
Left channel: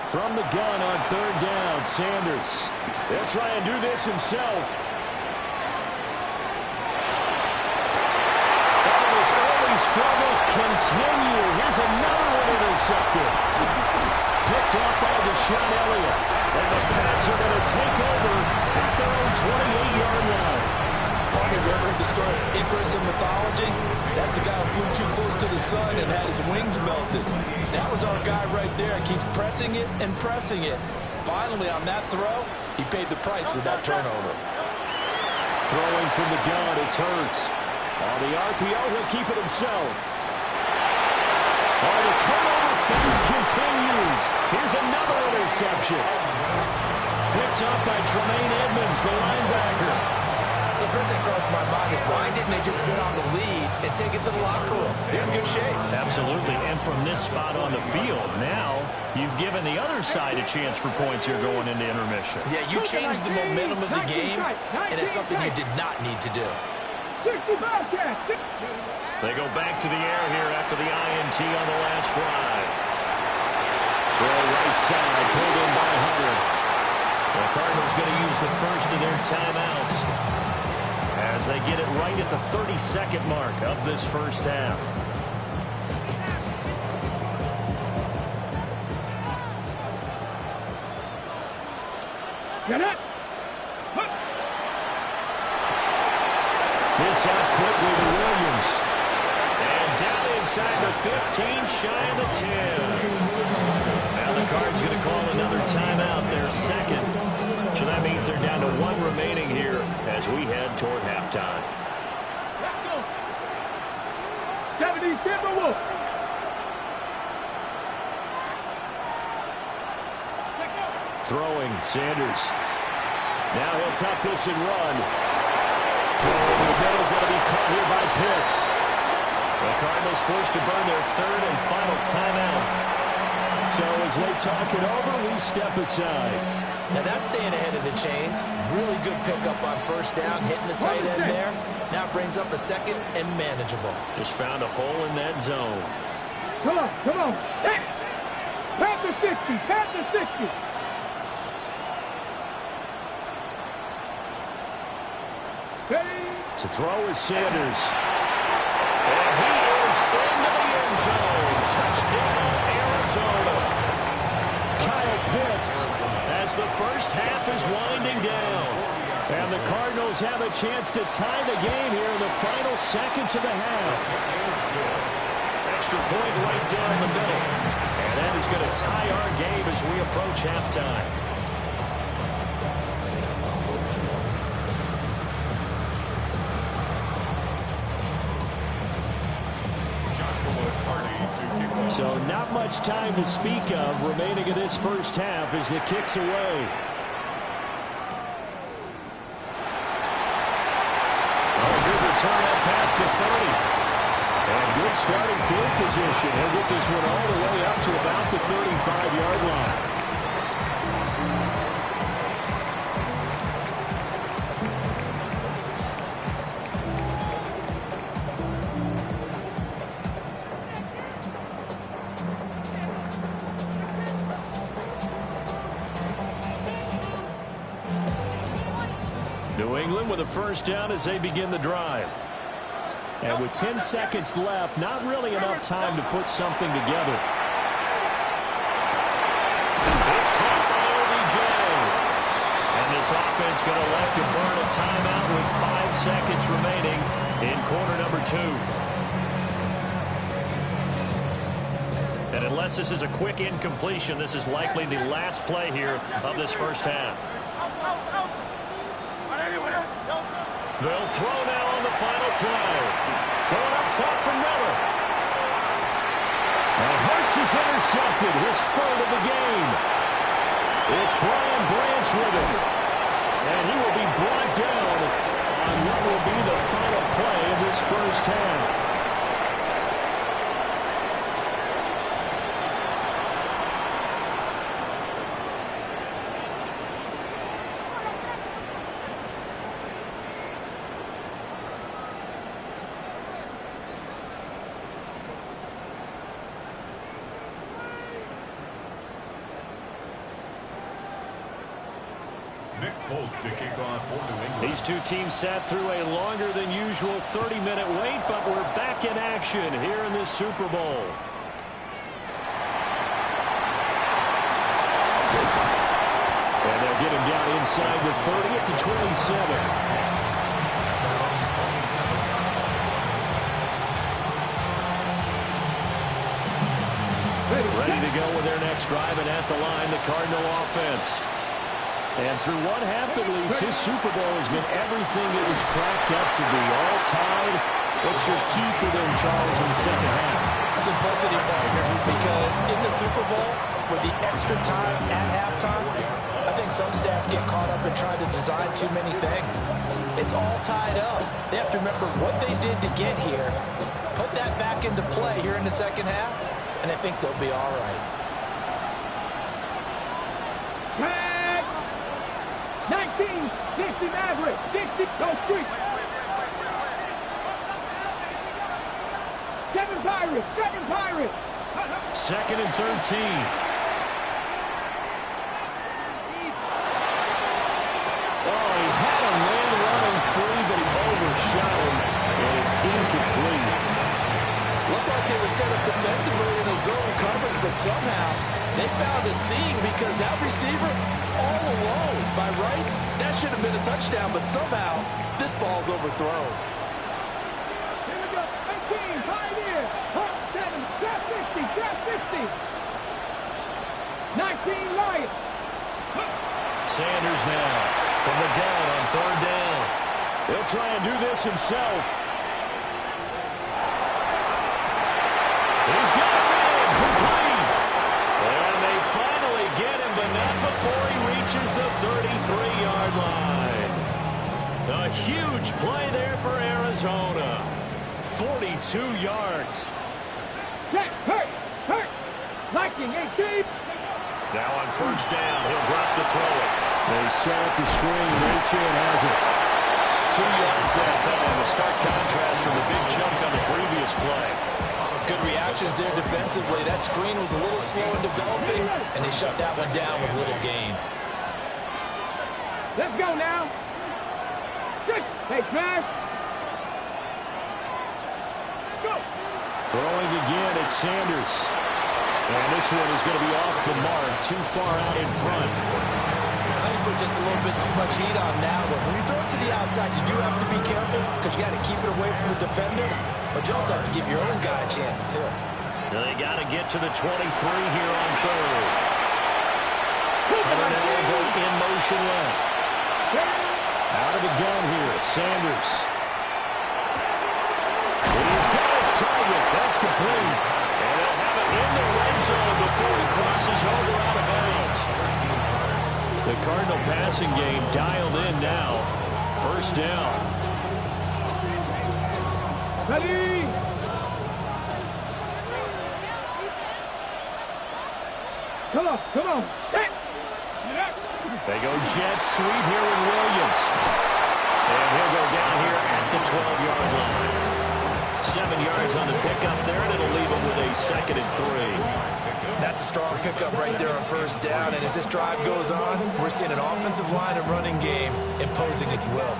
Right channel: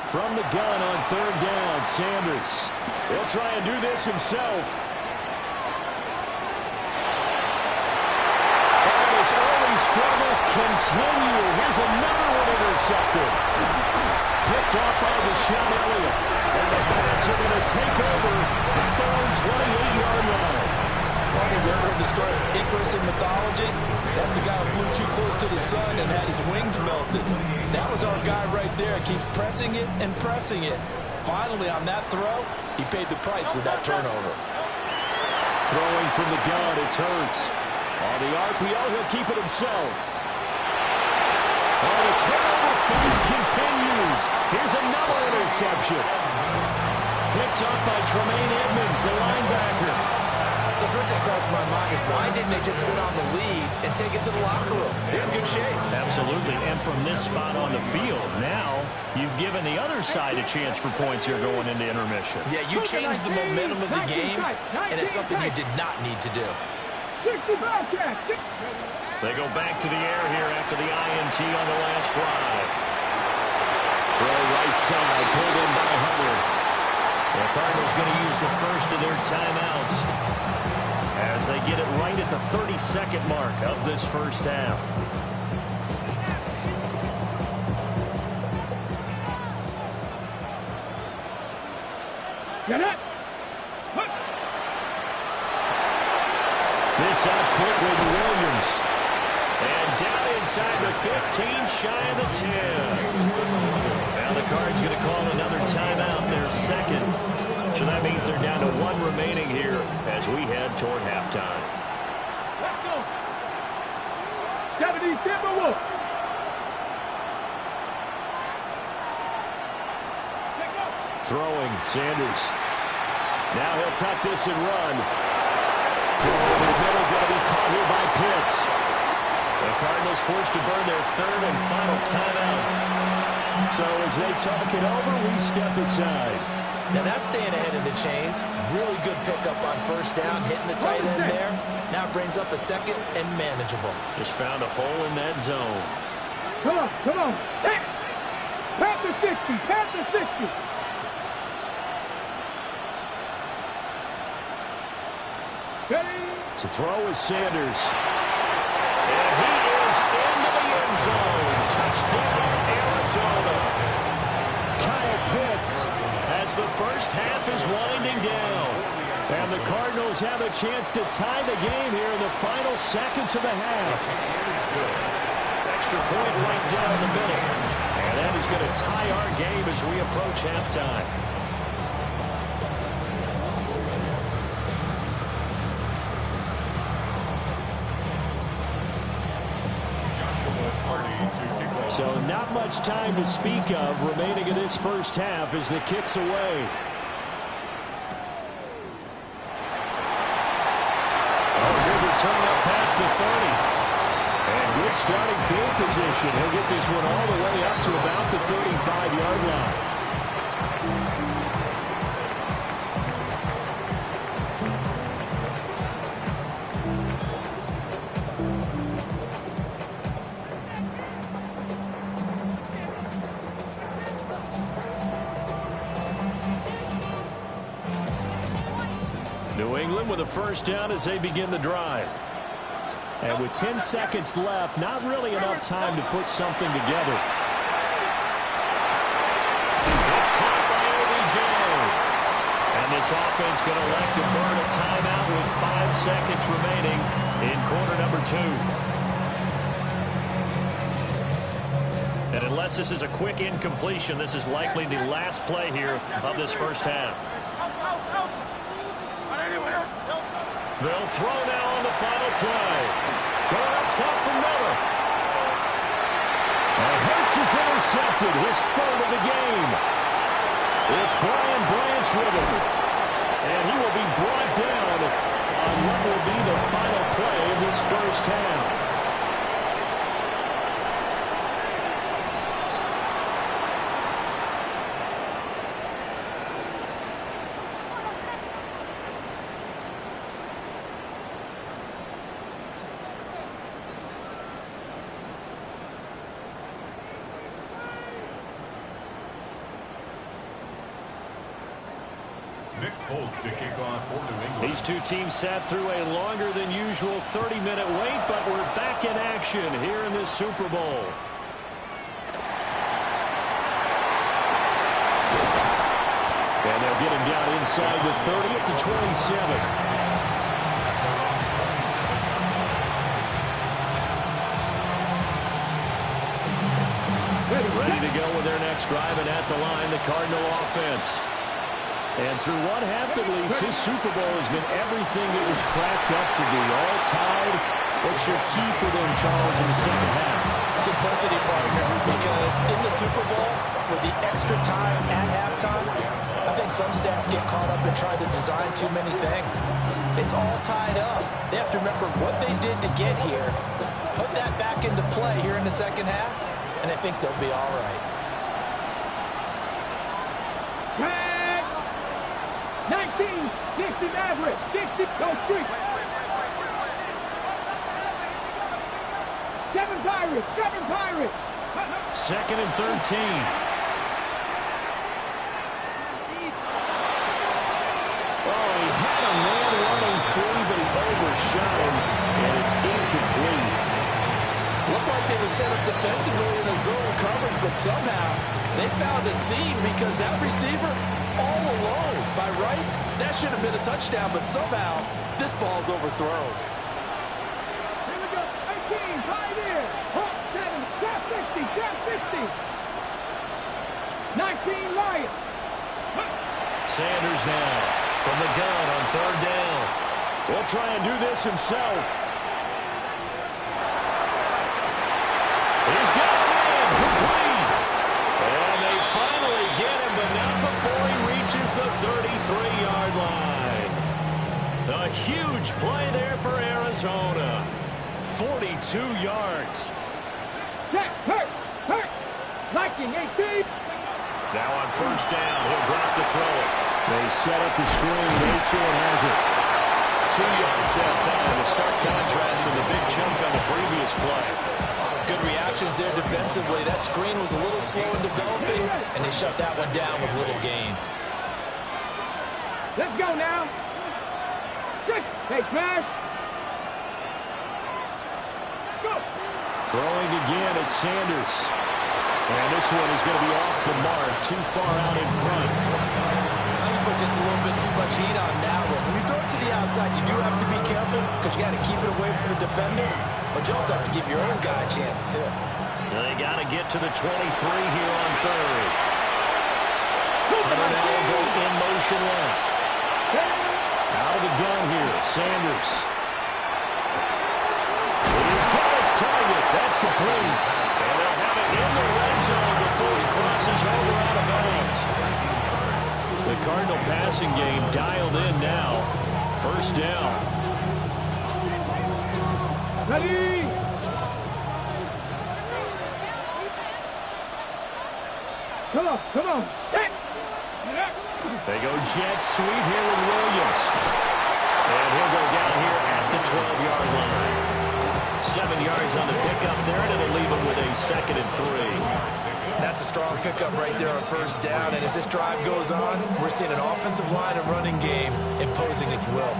From the gun on third down, Sanders. He'll try and do this himself. And his early struggles continue. Here's another one intercepted. Picked off by Deshaun Elliott. And the Pats are going to take over at their own 28-yard line. Probably ever heard the story of Icarus in mythology? That's the guy who flew too close to the sun and had his wings melted. That was our guy right there. Keeps pressing it and pressing it. Finally, on that throw, he paid the price with that turnover. Throwing from the gun, it's Hurts. On the RPO, he'll keep it himself. Oh, the turnover feast continues. Here's another interception. Picked up by Tremaine Edmonds, the linebacker. So first thing that crossed my mind is why didn't they just sit on the lead and take it to the locker room? They're in good shape. Absolutely, and from this spot on the field, now you've given the other side a chance for points here going into intermission. Yeah, you changed the momentum of the game, and it's something you did not need to do. They go back to the air here after the INT on the last drive. Throw right side, pulled in by Hunter. The Cardinals going to use the first of their timeouts as they get it right at the 32nd mark of this first half. Get it! This out quickly to Williams. And down inside the 15, shy of the 10. Now the Cards going to call another timeout, their second. So that means they're down to 1 remaining here as we head toward halftime. Let's go. 70 Timberwolves. Throwing, Sanders. Now he'll tuck this and run. Throw over the middle, going to be caught here by Pitts. The Cardinals forced to burn their third and final timeout. So as they talk it over, we step aside. Now that's staying ahead of the chains. Really good pickup on first down, hitting the tight end there. Now it brings up a second and manageable. Just found a hole in that zone. Come on, come on. Pat the 60, pat the 60. To throw is Sanders. And he is into the end zone. Touchdown, Arizona. Kyle Pitts as the first half is winding down. And the Cardinals have a chance to tie the game here in the final seconds of the half. Extra point right down the middle. And that is going to tie our game as we approach halftime. So not much time to speak of remaining in this first half as the kick's away. Oh, good return up past the 30. And good starting field position. He'll get this one all the way up to about the 35-yard line. New England with a first down as they begin the drive. And with 10 seconds left, not really enough time to put something together. It's caught by OBJ. And this offense going to elect to burn a timeout with 5 seconds remaining in quarter number 2. And unless this is a quick incompletion, this is likely the last play here of this first half. They'll throw now on the final play. Going up top for Miller. And Hurts is intercepted, his third of the game. It's Brian Branch with it. And he will be brought down on what will be the final play of this first half. To kick off for New England. These two teams sat through a longer than usual 30-minute wait, but we're back in action here in this Super Bowl. And they'll get him down inside the 30 at the 27. Ready to go with their next drive, and at the line, the Cardinal offense. And through one half at least, his Super Bowl has been everything it was cracked up to be. All tied. What's your key for them, Charles, in the second half? Simplicity, partner, because in the Super Bowl, with the extra time at halftime, I think some staffs get caught up in trying to design too many things. It's all tied up. They have to remember what they did to get here, put that back into play here in the second half, and I think they'll be all right. 19, 60 Maverick, 60, go street. 7 Pirates, 7 Pirates. Second and 13. Oh, he had a man running free, but he overshot him, and it's incomplete. Looked like they were set up defensively in a zone coverage, but somehow they found a seam because that receiver all alone. By rights, that should have been a touchdown, but somehow this ball's overthrown. Here we go. 18, Pioneer. 7, Draft 60, Draft 60. 19, Lions. Sanders now from the gun on third down. He'll try and do this himself. He's got him in, complete. And they finally get him, but not before he reaches the 33-yard line. A huge play there for Arizona. 42 yards. Hurt. Liking 18. Now on first down, he'll drop to throw it. They set up the screen. Achane has it. 2 yards that time. A stark contrast from the big chunk on the previous play. Good reactions there defensively. That screen was a little slow in developing, and they shut that one down with little gain. Let's go now. Hey, Trash. Go. Throwing again at Sanders. And this one is going to be off the mark, too far out in front. You put just a little bit too much heat on that one. When you throw it to the outside, you do have to be careful because you got to keep it away from the defender. But you also have to give your own guy a chance, too. They got to get to the 23 here on third. Hunter now will go in motion left. Out of the gun here, Sanders. He's got his target. That's complete. And they'll have it in the red zone before he crosses over out of bounds. The Cardinal passing game dialed in now. First down. Ready. Come on. They go jet sweep here with Williams. And he'll go down here at the 12-yard line. 7 yards on the pickup there, and it'll leave him with a 2nd and 3. That's a strong pickup right there on first down. And as this drive goes on, we're seeing an offensive line and running game imposing its will.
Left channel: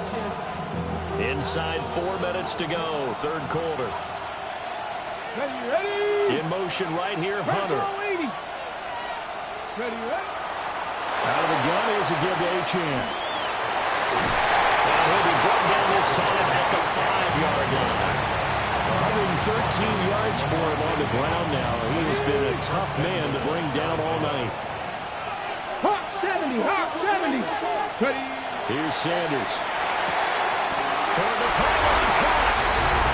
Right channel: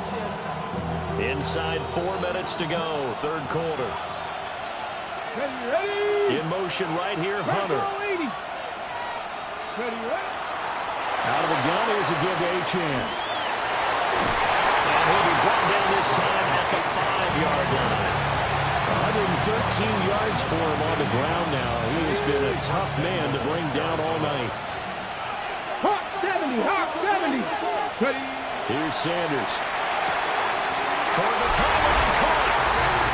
Inside 4 minutes to go, third quarter. Ready. In motion right here, Hunter. Ready. Out of the gun, here's a give to Achane. And he'll be brought down this time at the 5-yard line. 113 yards for him on the ground now. He has been a tough man to bring down all night. Hot 70, hot 70. Here's Sanders. Toward the pylon, caught.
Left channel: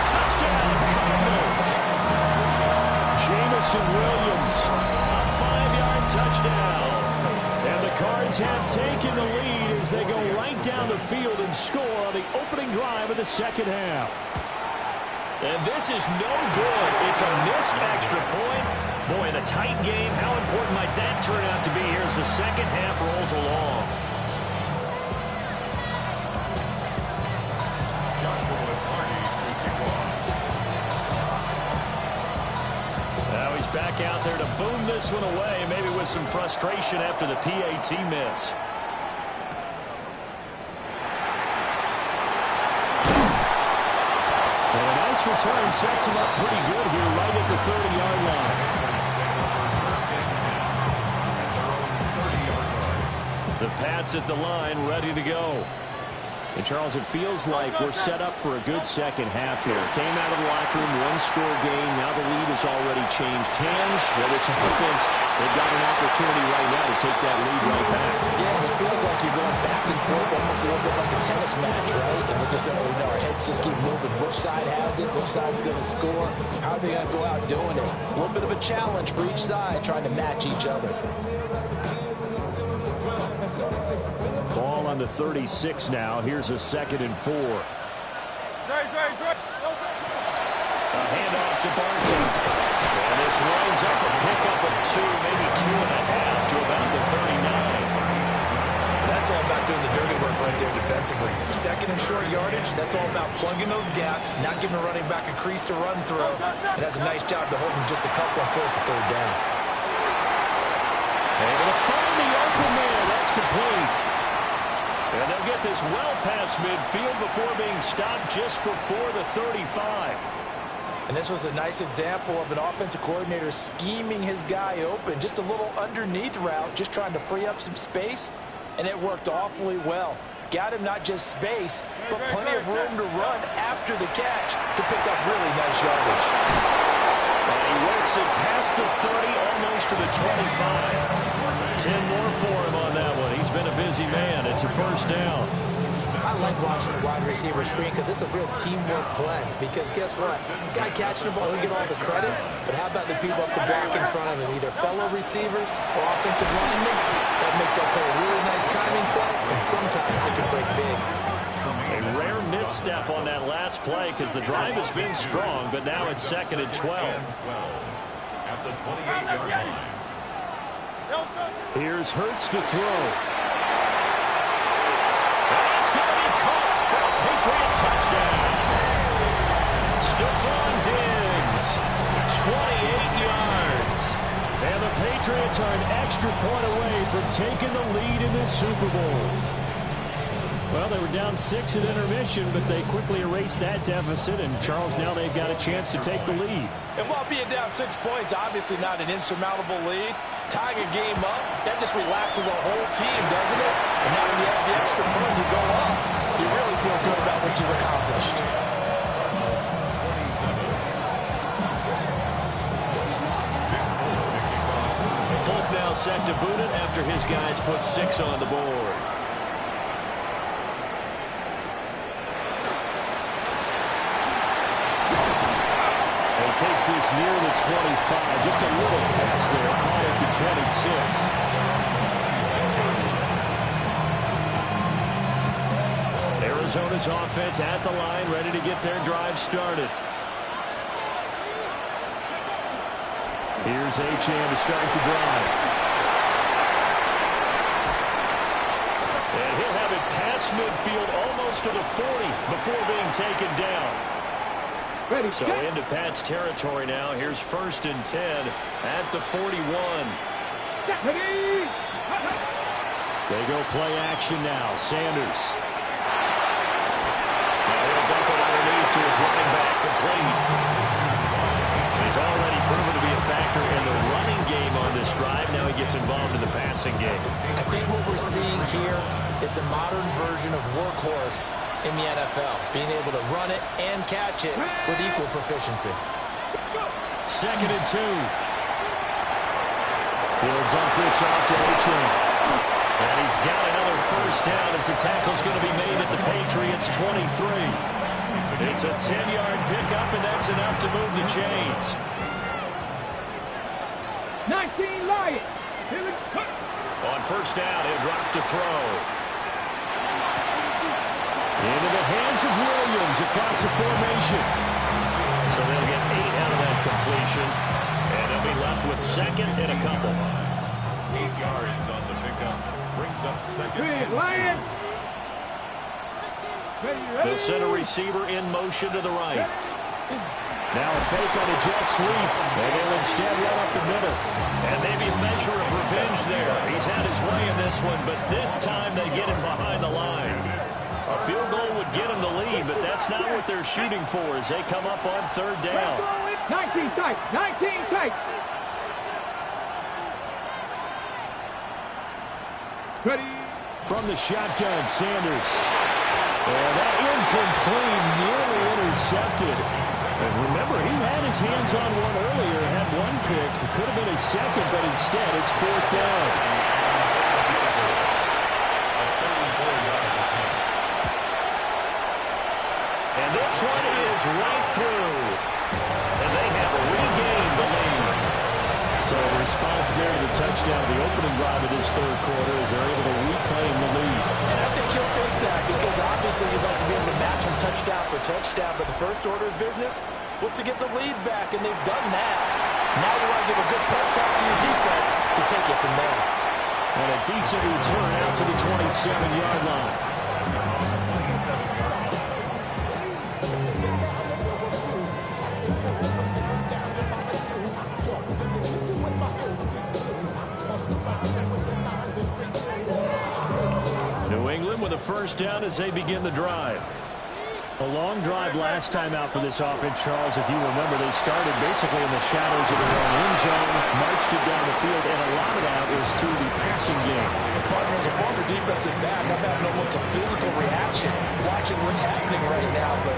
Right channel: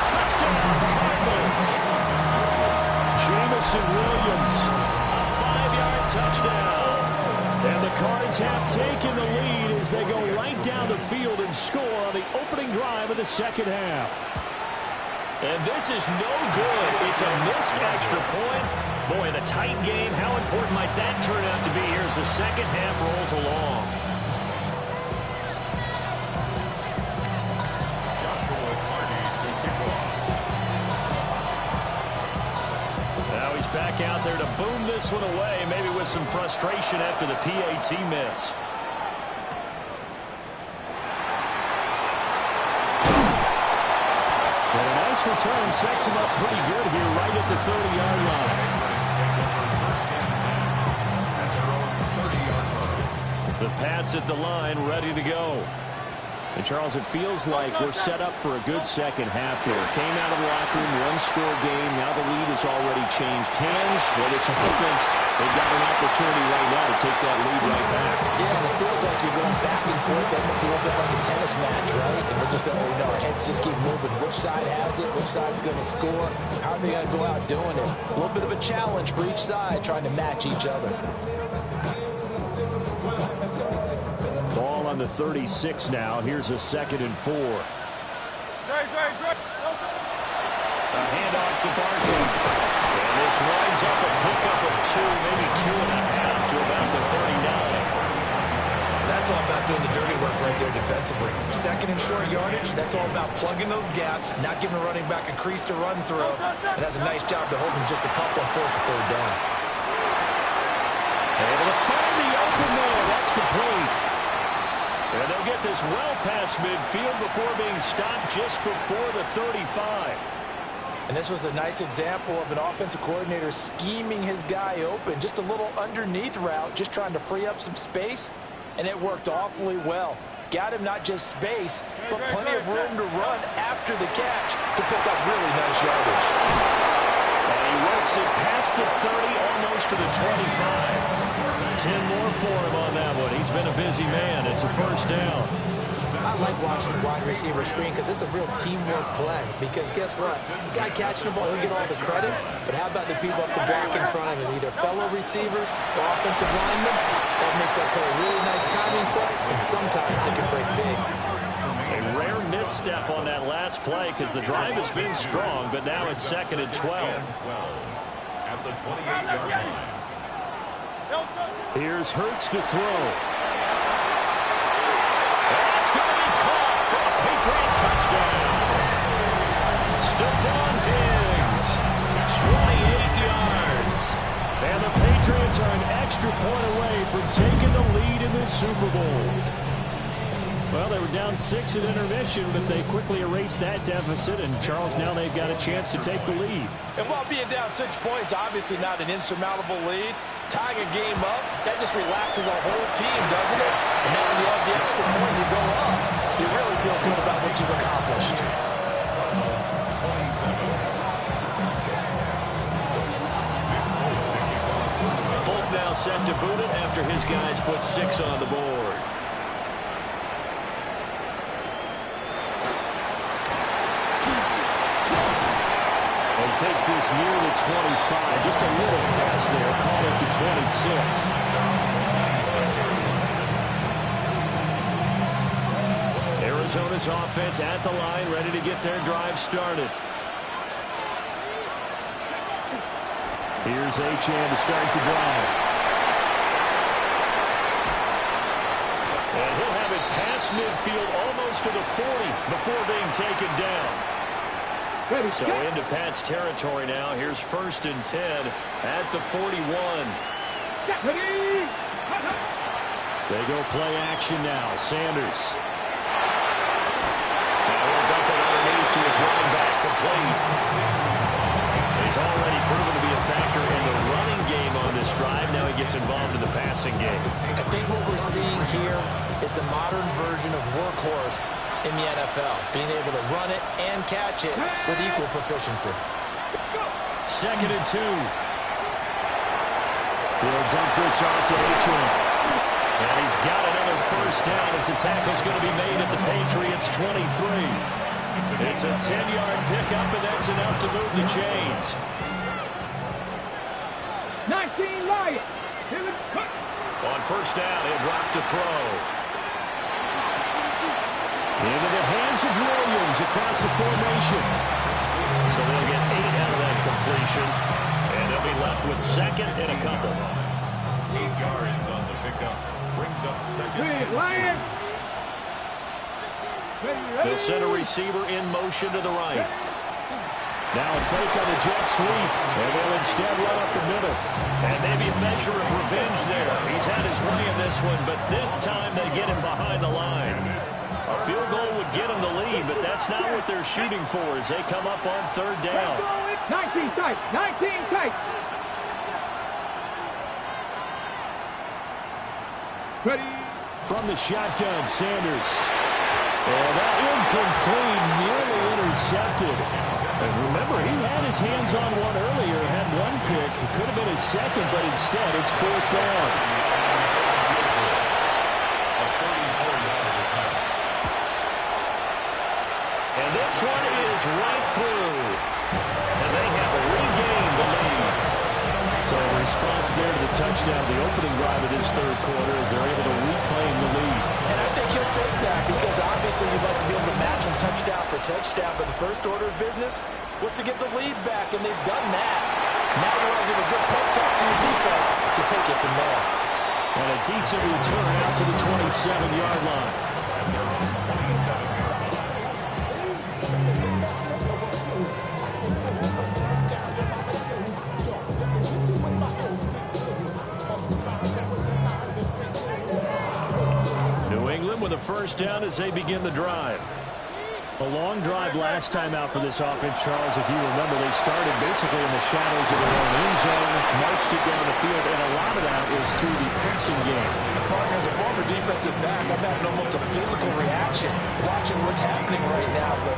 Touchdown, Cardinals. Jameson Williams, a 5-yard touchdown. And the Cards have taken the lead as they go right down the field and score on the opening drive of the second half. And this is no good. It's a missed extra point. Boy, in a tight game, how important might that turn out to be here as the second half rolls along? Now he's back out there to boom this one away, maybe with some frustration after the PAT miss. And a nice return sets him up pretty good here right at the 30-yard line. The Pats at the line, ready to go. And, Charles, it feels like we're set up for a good second half here. Came out of the locker room, one-score game. Now the lead has already changed hands. Well, this offense, they've got an opportunity right now to take that lead right back. Yeah, and it feels like you're going back and forth, almost a little bit like a tennis match, right? And we're just, our heads just keep moving. Which side has it? Which side's going to score? How are they going to go out doing it? A little bit of a challenge for each side, trying to match each other. Ball on the 36 now. Here's a 2nd and 4. A handoff to Barkley. And this winds up a pickup of 2, maybe 2.5 to about the 39. That's all about doing the dirty work right there defensively. 2nd and short yardage, that's all about plugging those gaps, not giving a running back a crease to run through. It has a nice job to hold him just a couple and force a 3rd down. Able to find the open man. That's complete. And they'll get this well past midfield before being stopped just before the 35. And this was a nice example of an offensive coordinator scheming his guy open. Just a little underneath route, just trying to free up some space, and it worked awfully well. Got him not just space, but plenty of room to run after the catch to pick up really nice yardage. And he works it past the 30, almost to the 25. 10 more for him on that one. He's been a busy man. It's a 1st down. I like watching the wide receiver screen because it's a real teamwork play. Because guess what? The guy catching the ball, he'll get all the credit. But how about the people up to block in front of him? Either fellow receivers or offensive linemen. That makes that play a really nice timing play. And sometimes it can break big. A rare misstep on that last play because the drive has been strong, but now it's 2nd and 12. At the 28-yard line. Here's Hurts to throw. That's going to be caught for a Patriot touchdown. Stephon Diggs, 28 yards. And the Patriots are an extra point away from taking the lead in this Super Bowl. Well, they were down 6 at intermission, but they quickly erased that deficit. And, Charles, now they've got a chance to take the lead. And while being down 6 points, obviously not an insurmountable lead, tying a game up, that just relaxes a whole team, doesn't it? And now when you have the extra point, you go up. You really feel good about what you've accomplished. Folk now set to boot it after his guys put 6 on the board. He takes this near the 25. Just a little pass there. Caught at the 26. Arizona's offense at the line, ready to get their drive started. Here's Achane to start the drive. And he'll have it past midfield almost to the 40 before being taken down. So into Pat's territory now. Here's 1st and 10 at the 41. They go play action now. Sanders. Now he'll dump it underneath to his running back, complete. He's already proven to be a factor in the running game on this drive. Now he gets involved in the passing game. I think what we're seeing here is the modern version of workhorse in the NFL, being able to run it and catch it with equal proficiency. 2nd and 2. He'll dump this off to Achane. And he's got another first down as the tackle's going to be made at the Patriots' 23. It's a 10-yard pickup, and that's enough to move the chains. 19 Lions. On first down, he'll drop to throw. Into the hands of Williams across the formation. So they'll get 8 out of that completion. And they'll be left with 2nd and a couple. 8 yards on the pickup. Brings up 2nd. Lions. They'll send a receiver in motion to the right. Now a fake on the jet sweep. And they'll instead run up the middle. And maybe a measure of revenge there. He's had his way in this one, but this time they get him behind the line. A field goal would get them the lead, but that's not what they're shooting for as they come up on 3rd down. 19 tight. 19 tight. Ready. From the shotgun, Sanders. And that incomplete, nearly intercepted. And remember, he had his hands on one earlier, had one pick. It could have been his second, but instead it's 4th down. And this one is right through. And they have regained the lead. So a response there to the touchdown of the opening drive of this 3rd quarter as they're able to reclaim the lead. And I think he'll take that because obviously you'd like to be able to match him touchdown for touchdown, but the first order of business was to get the lead back, and they've done that. Now you want to give a good pep talk to your defense to take it from there. And a decent return out to the 27-yard line. 27-yard line. New England with a first down as they begin the drive. A long drive last time out for this offense, Charles. If you remember, they started basically in the shadows of their own end zone, marched it down the field, and a lot of that was through the passing game. Partner, as a former defensive back, I'm having almost a physical reaction watching what's happening right now. But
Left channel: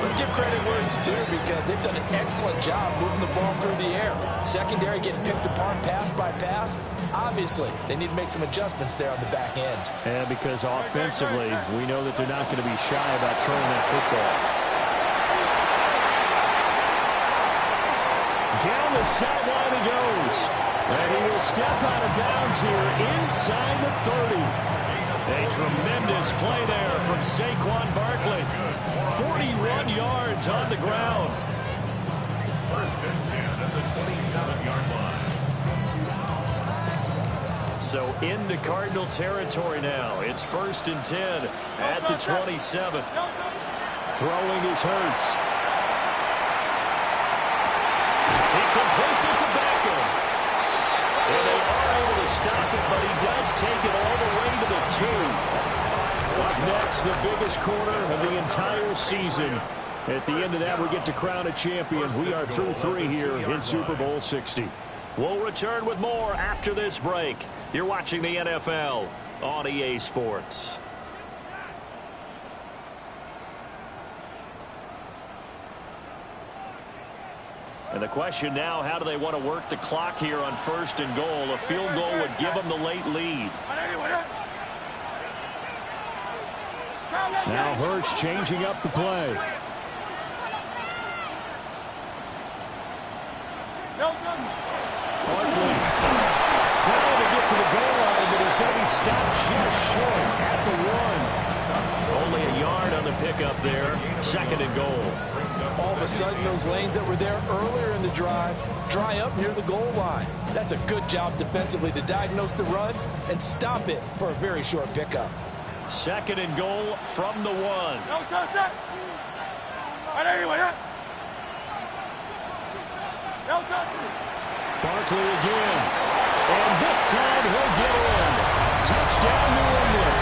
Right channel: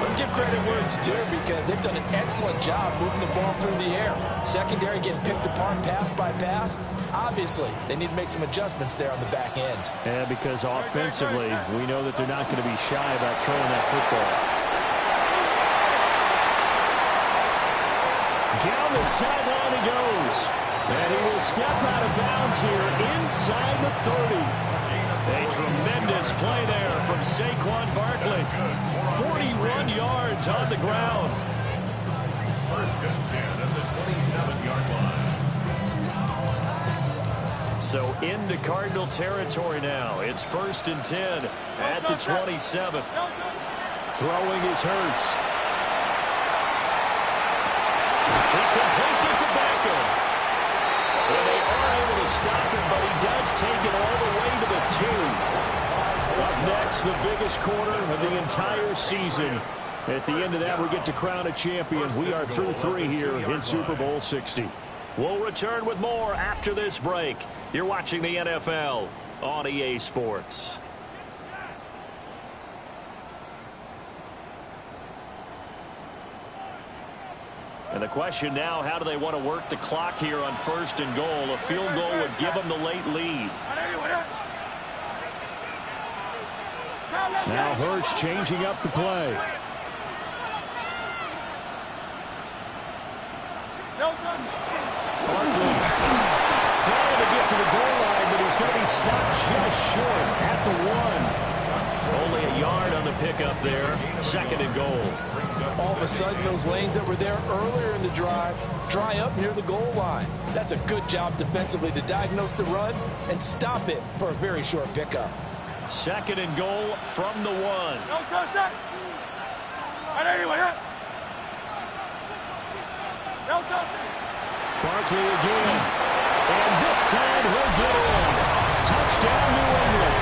let's give credit where it's due because they've done an excellent job moving the ball through the air. Secondary getting picked apart pass by pass. Obviously, they need to make some adjustments there on the back end. And because offensively, we know that they're not going to be shy about throwing that football. Down the sideline he goes. And he will step out of bounds here inside the 30. A tremendous play there from Saquon Barkley. 41 yards on the ground. 1st and 10 at the 27-yard line. So into Cardinal territory now. It's 1st and 10 at the 27. Throwing is Hurts. He completes it to Beckham. And they are able to stop it, but he does take it all the way to the 2. Up next, the biggest quarter of the entire season. At the end of that, we get to crown a champion. We are through 3 here in Super Bowl 60. We'll return with more after this break. You're watching the NFL on EA Sports. And the question now, how do they want to work the clock here on 1st and goal? A field goal would give them the late lead. Now Hurts changing up the play. Barkley trying to get to the goal line, but he's going to be stopped just short at the 1. Only a yard on the pickup there. 2nd and goal. All of a sudden, those lanes that were there earlier in the drive dry up near the goal line. That's a good job defensively to diagnose the run and stop it for a very short pickup. 2nd and goal from the 1. Barkley again. And this time he'll get in. Touchdown, New England.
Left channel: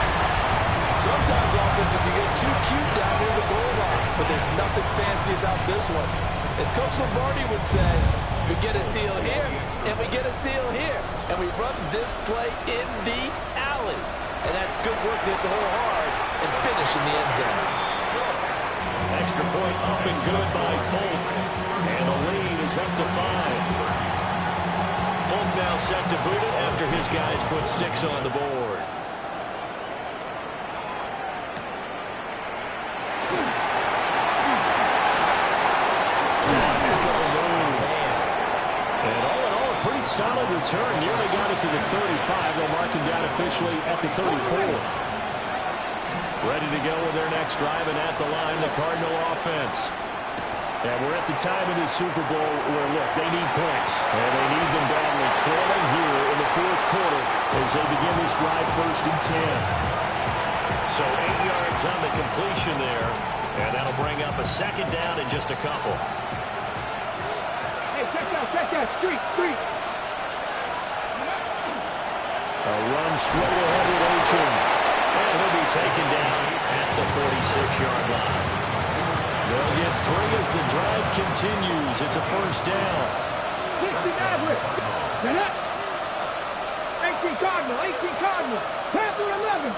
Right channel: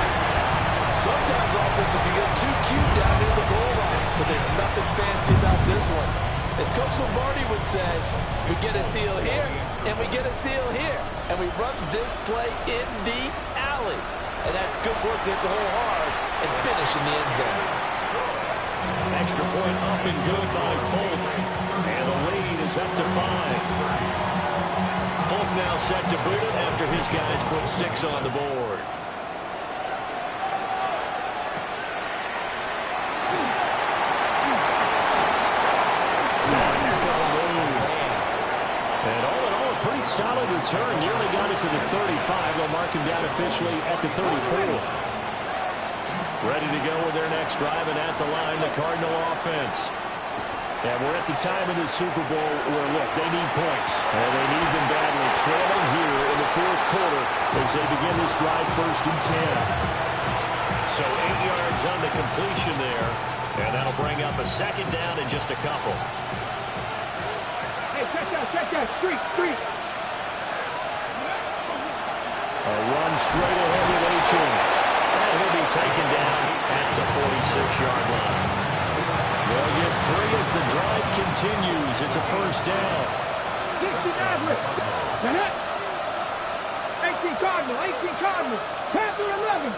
Sometimes offenses can get too cute down near the goal line, but there's nothing fancy about this one. As Coach Lombardi would say, we get a seal here, and we get a seal here, and we run this play in the alley. And that's good work to hit the hole hard and finish in the end zone. Extra point up and good by Folk. And the lead is up to 5. Folk now set to boot it after his guys put 6 on the board. And all in all, a pretty solid return. Nearly got it to the 35. They'll mark him down officially at the 34. Ready to go with their next drive, and at the line, the Cardinal offense. And we're at the time in the Super Bowl where, look, they need points. And they need them badly. Trailing here in the fourth quarter as they begin this drive 1st and 10. So 8 yards on the completion there. And that'll bring up a 2nd down in just a couple. Hey, check that. Street. A run straight ahead with Achane. And he'll be taken down at the 46-yard line. They'll get 3 as the drive continues. It's a 1st down. 60 Maverick. 18 Cardinal. Panther 11.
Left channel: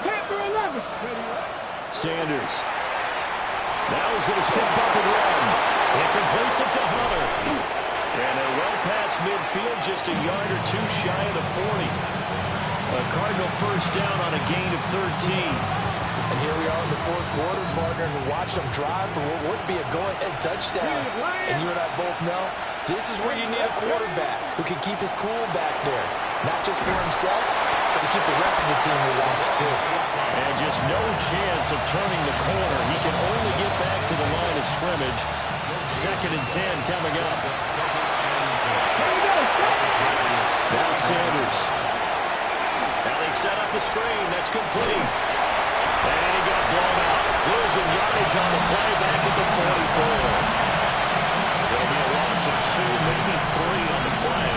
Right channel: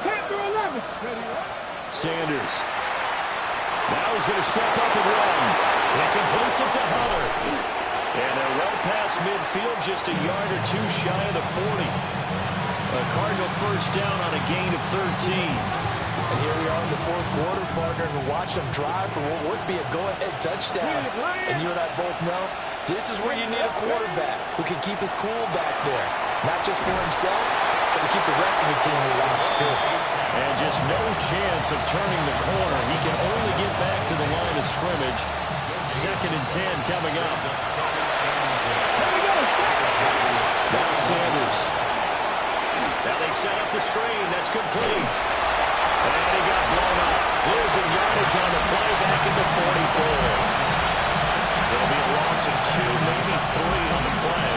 Sanders. Now he's going to step up and run. It completes it to Hunter. And they're well past midfield, just a yard or 2 shy of the 40. A Cardinal 1st down on a gain of 13. And here we are in the fourth quarter, partner, and watch them drive for what would be a go-ahead touchdown. And you and I both know this is where you need a quarterback who can keep his cool back there. Not just for himself, but to keep the rest of the team relaxed, too. And just no chance of turning the corner. He can only get back to the line of scrimmage. 2nd and 10 coming up. Now Sanders. Now they set up the screen. That's complete. And he got blown up. Losing yardage on the play back at the 44. It'll be a loss of 2, maybe 3 on the play.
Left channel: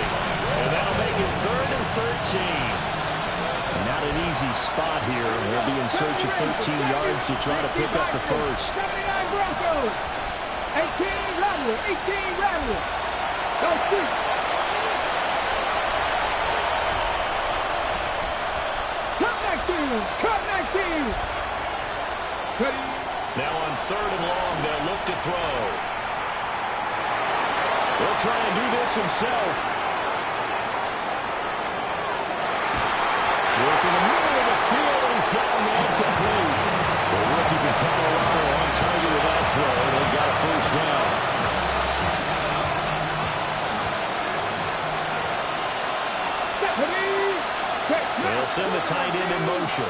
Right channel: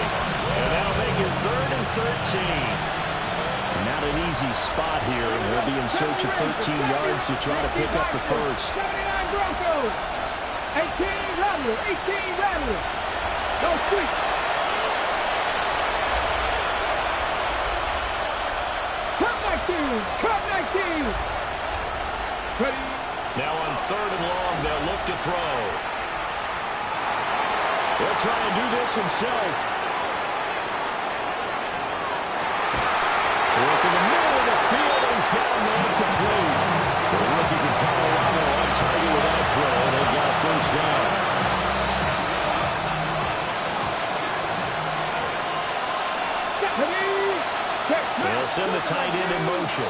And that'll make it 3rd and 13. Not an easy spot here. They'll be in search of 13 yards to try to pick up the first. 79 Broncos. 18 Rattler. Go Street. Cup 19. Ready. Now on 3rd and long, they'll look to throw. He'll try and do this himself. Work in the middle of the field, and he's got a man complete. The rookie from Colorado on target with that throw, and they've got a 1st down. They'll send the tight end in motion.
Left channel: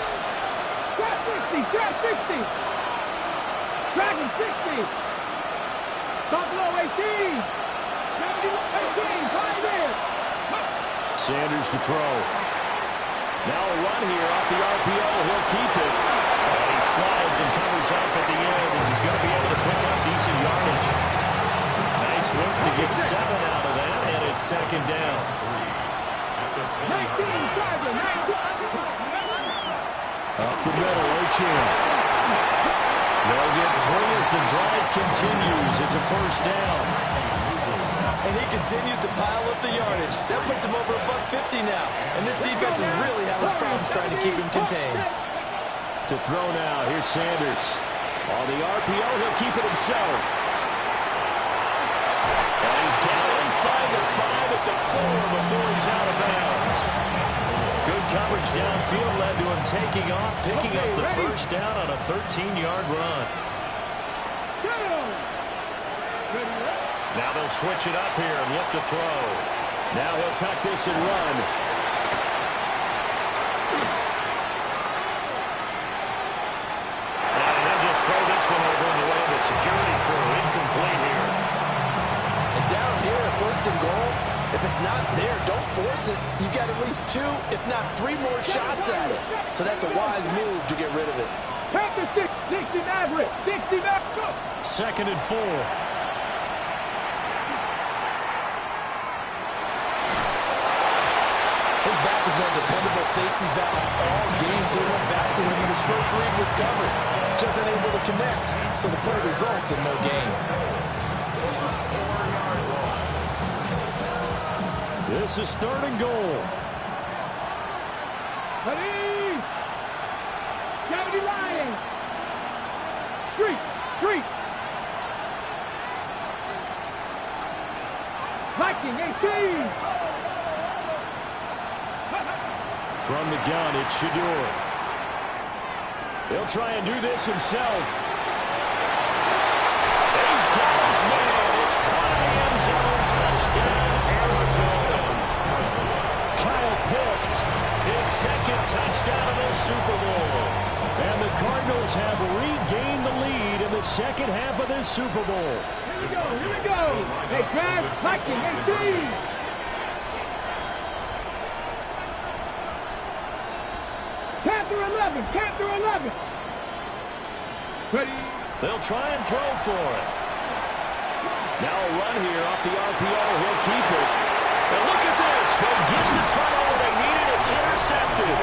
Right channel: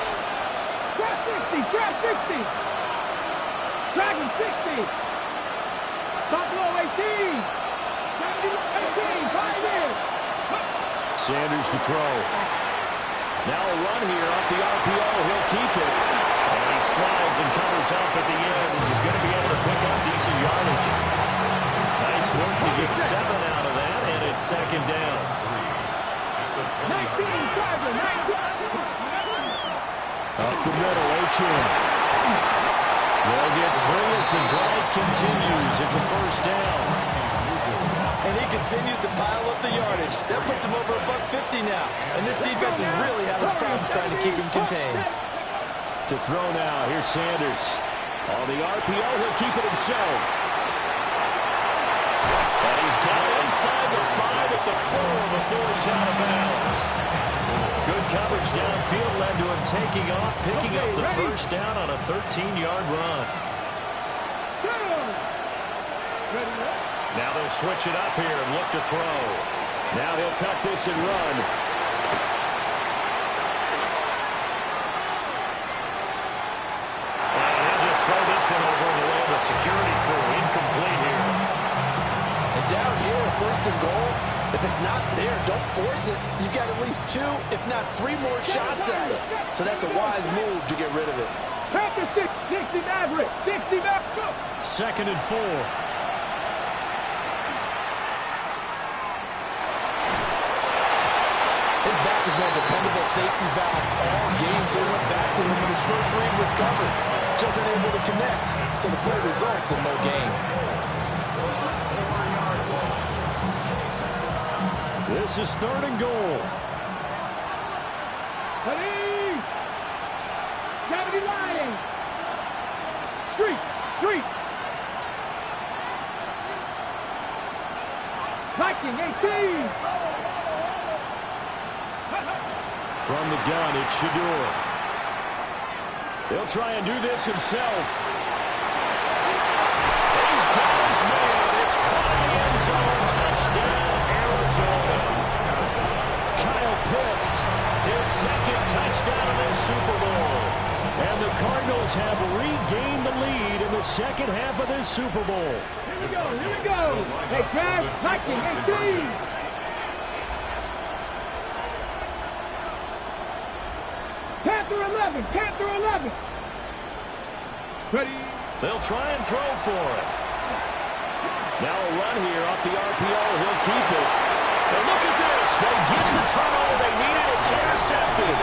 Trap 60. Dragon 60. Buffalo 18. 18. Pioneer. Sanders to throw. Now a run here off the RPO. He'll keep it. And he slides and covers up at the end as he's going to be able to pick up decent yardage. Nice work to get 7 out of that, and it's 2nd down. 19, Tiger, 19. Up the middle, Achane. They'll get 3 as the drive continues. It's a 1st down. And he continues to pile up the yardage. That puts him over $150 now. And this defense has really had his problems trying to keep him contained. To throw now, here's Sanders. On the RPO, he'll keep it himself. And he's down inside the 5 at the 4 before he's out of bounds. Good coverage downfield led to him taking off, picking up the 1st down on a 13-yard run. Now they'll switch it up here and look to throw. Now he'll tuck this and run. And he'll just throw this one over in the way of the security crew. Incomplete here. And down here, 1st and goal, if it's not there, don't force it. You've got at least 2, if not 3 more shots at it. So that's a wise move to get rid of it. Panther 60 Maverick. 60 Maverick. 2nd and 4. His back has been a dependable safety valve all game, so he went back to him when his first read was covered. Just unable to connect, so the play results in no gain. This is 3rd and goal. Ready. 70 Lions. Street. Viking 18. From the gun, it's Shedeur. He'll try and do this himself. He's got his man. It's caught in the end zone. Touchdown, Arizona. Kyle Pitts, his second touchdown of this Super Bowl. And the Cardinals have regained the lead in the second half of this Super Bowl. Here we go. Hey, Trav, Viking 18. Panther 11. Ready. They'll try and throw for it. Now a run here off the RPO. He'll keep it. And look at this. They get the turnover they needed. It's intercepted.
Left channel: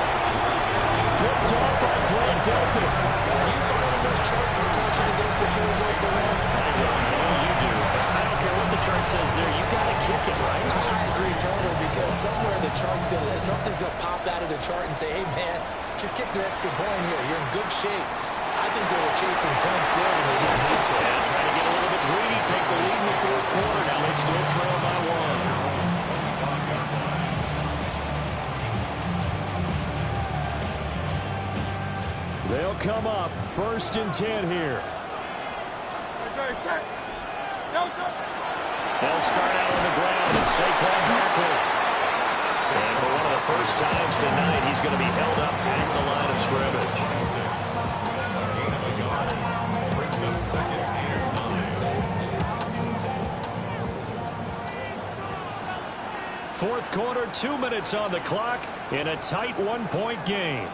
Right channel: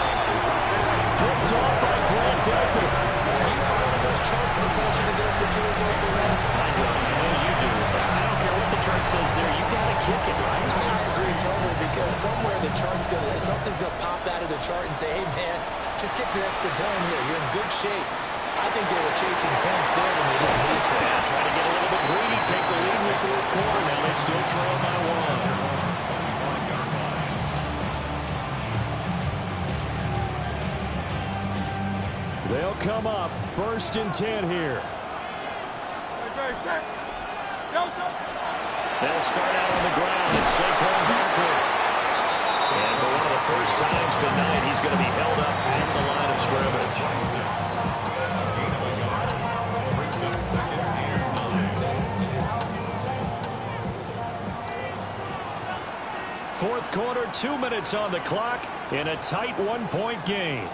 Picked off by Grant Delpit. Do you have one of those charts that tells you to go for 2 or go for 1? I don't. I know you do. But I don't care what the chart says there. You got to kick it, right? I agree totally, because somewhere the chart's something's going to pop out of the chart and say, hey, man, just kick the extra point here. You're in good shape. I think they were chasing points there when they didn't need to. Yeah, trying to get a little bit greedy, take the lead in the fourth quarter. Now they still trail by 1. They'll come up 1st and 10 here. They'll start out on the ground. It's Saquon Barkley. And for one of the first times tonight, he's going to be held up at the line of scrimmage. Fourth quarter, 2 minutes on the clock in a tight 1-point game.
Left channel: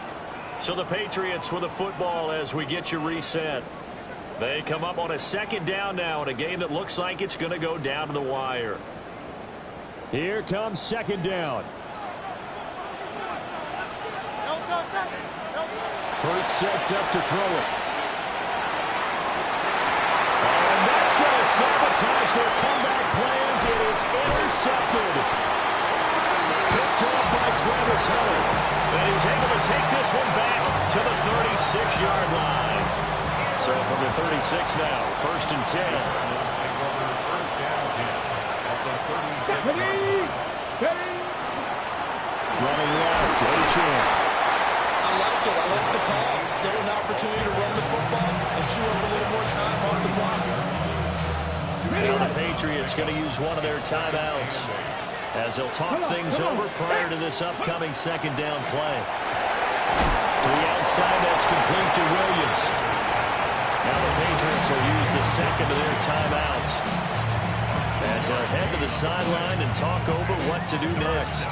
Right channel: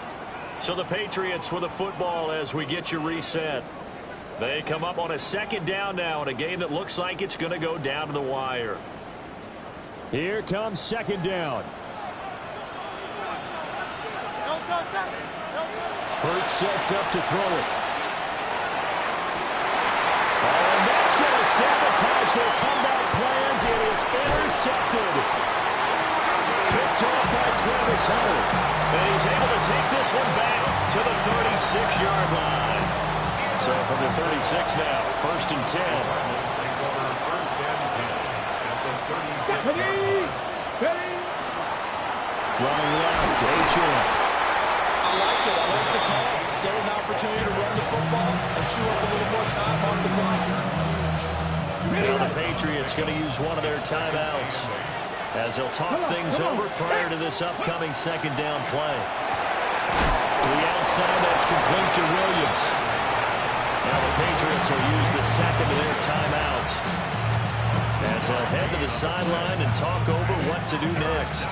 So the Patriots with the football as we get you reset. They come up on a 2nd down now in a game that looks like it's going to go down to the wire. Here comes 2nd down. Hurts sets up to throw it. Oh, and that's going to sabotage their comeback plans. It is intercepted. Picked off by Travis Hunter. And he's able to take this one back to the 36-yard line. So from the 36 now, 1st and 10. First and 10 at the 36-yard line. Running left, Achane. I like it. I like the call. Still an opportunity to run the football and chew up a little more time off the clock. Now the Patriots going to use one of their timeouts as they'll talk things over prior to this upcoming 2nd down play. To the outside, that's complete to Williams. Now the Patriots will use the 2nd of their timeouts as they'll head to the sideline and talk over what to do next.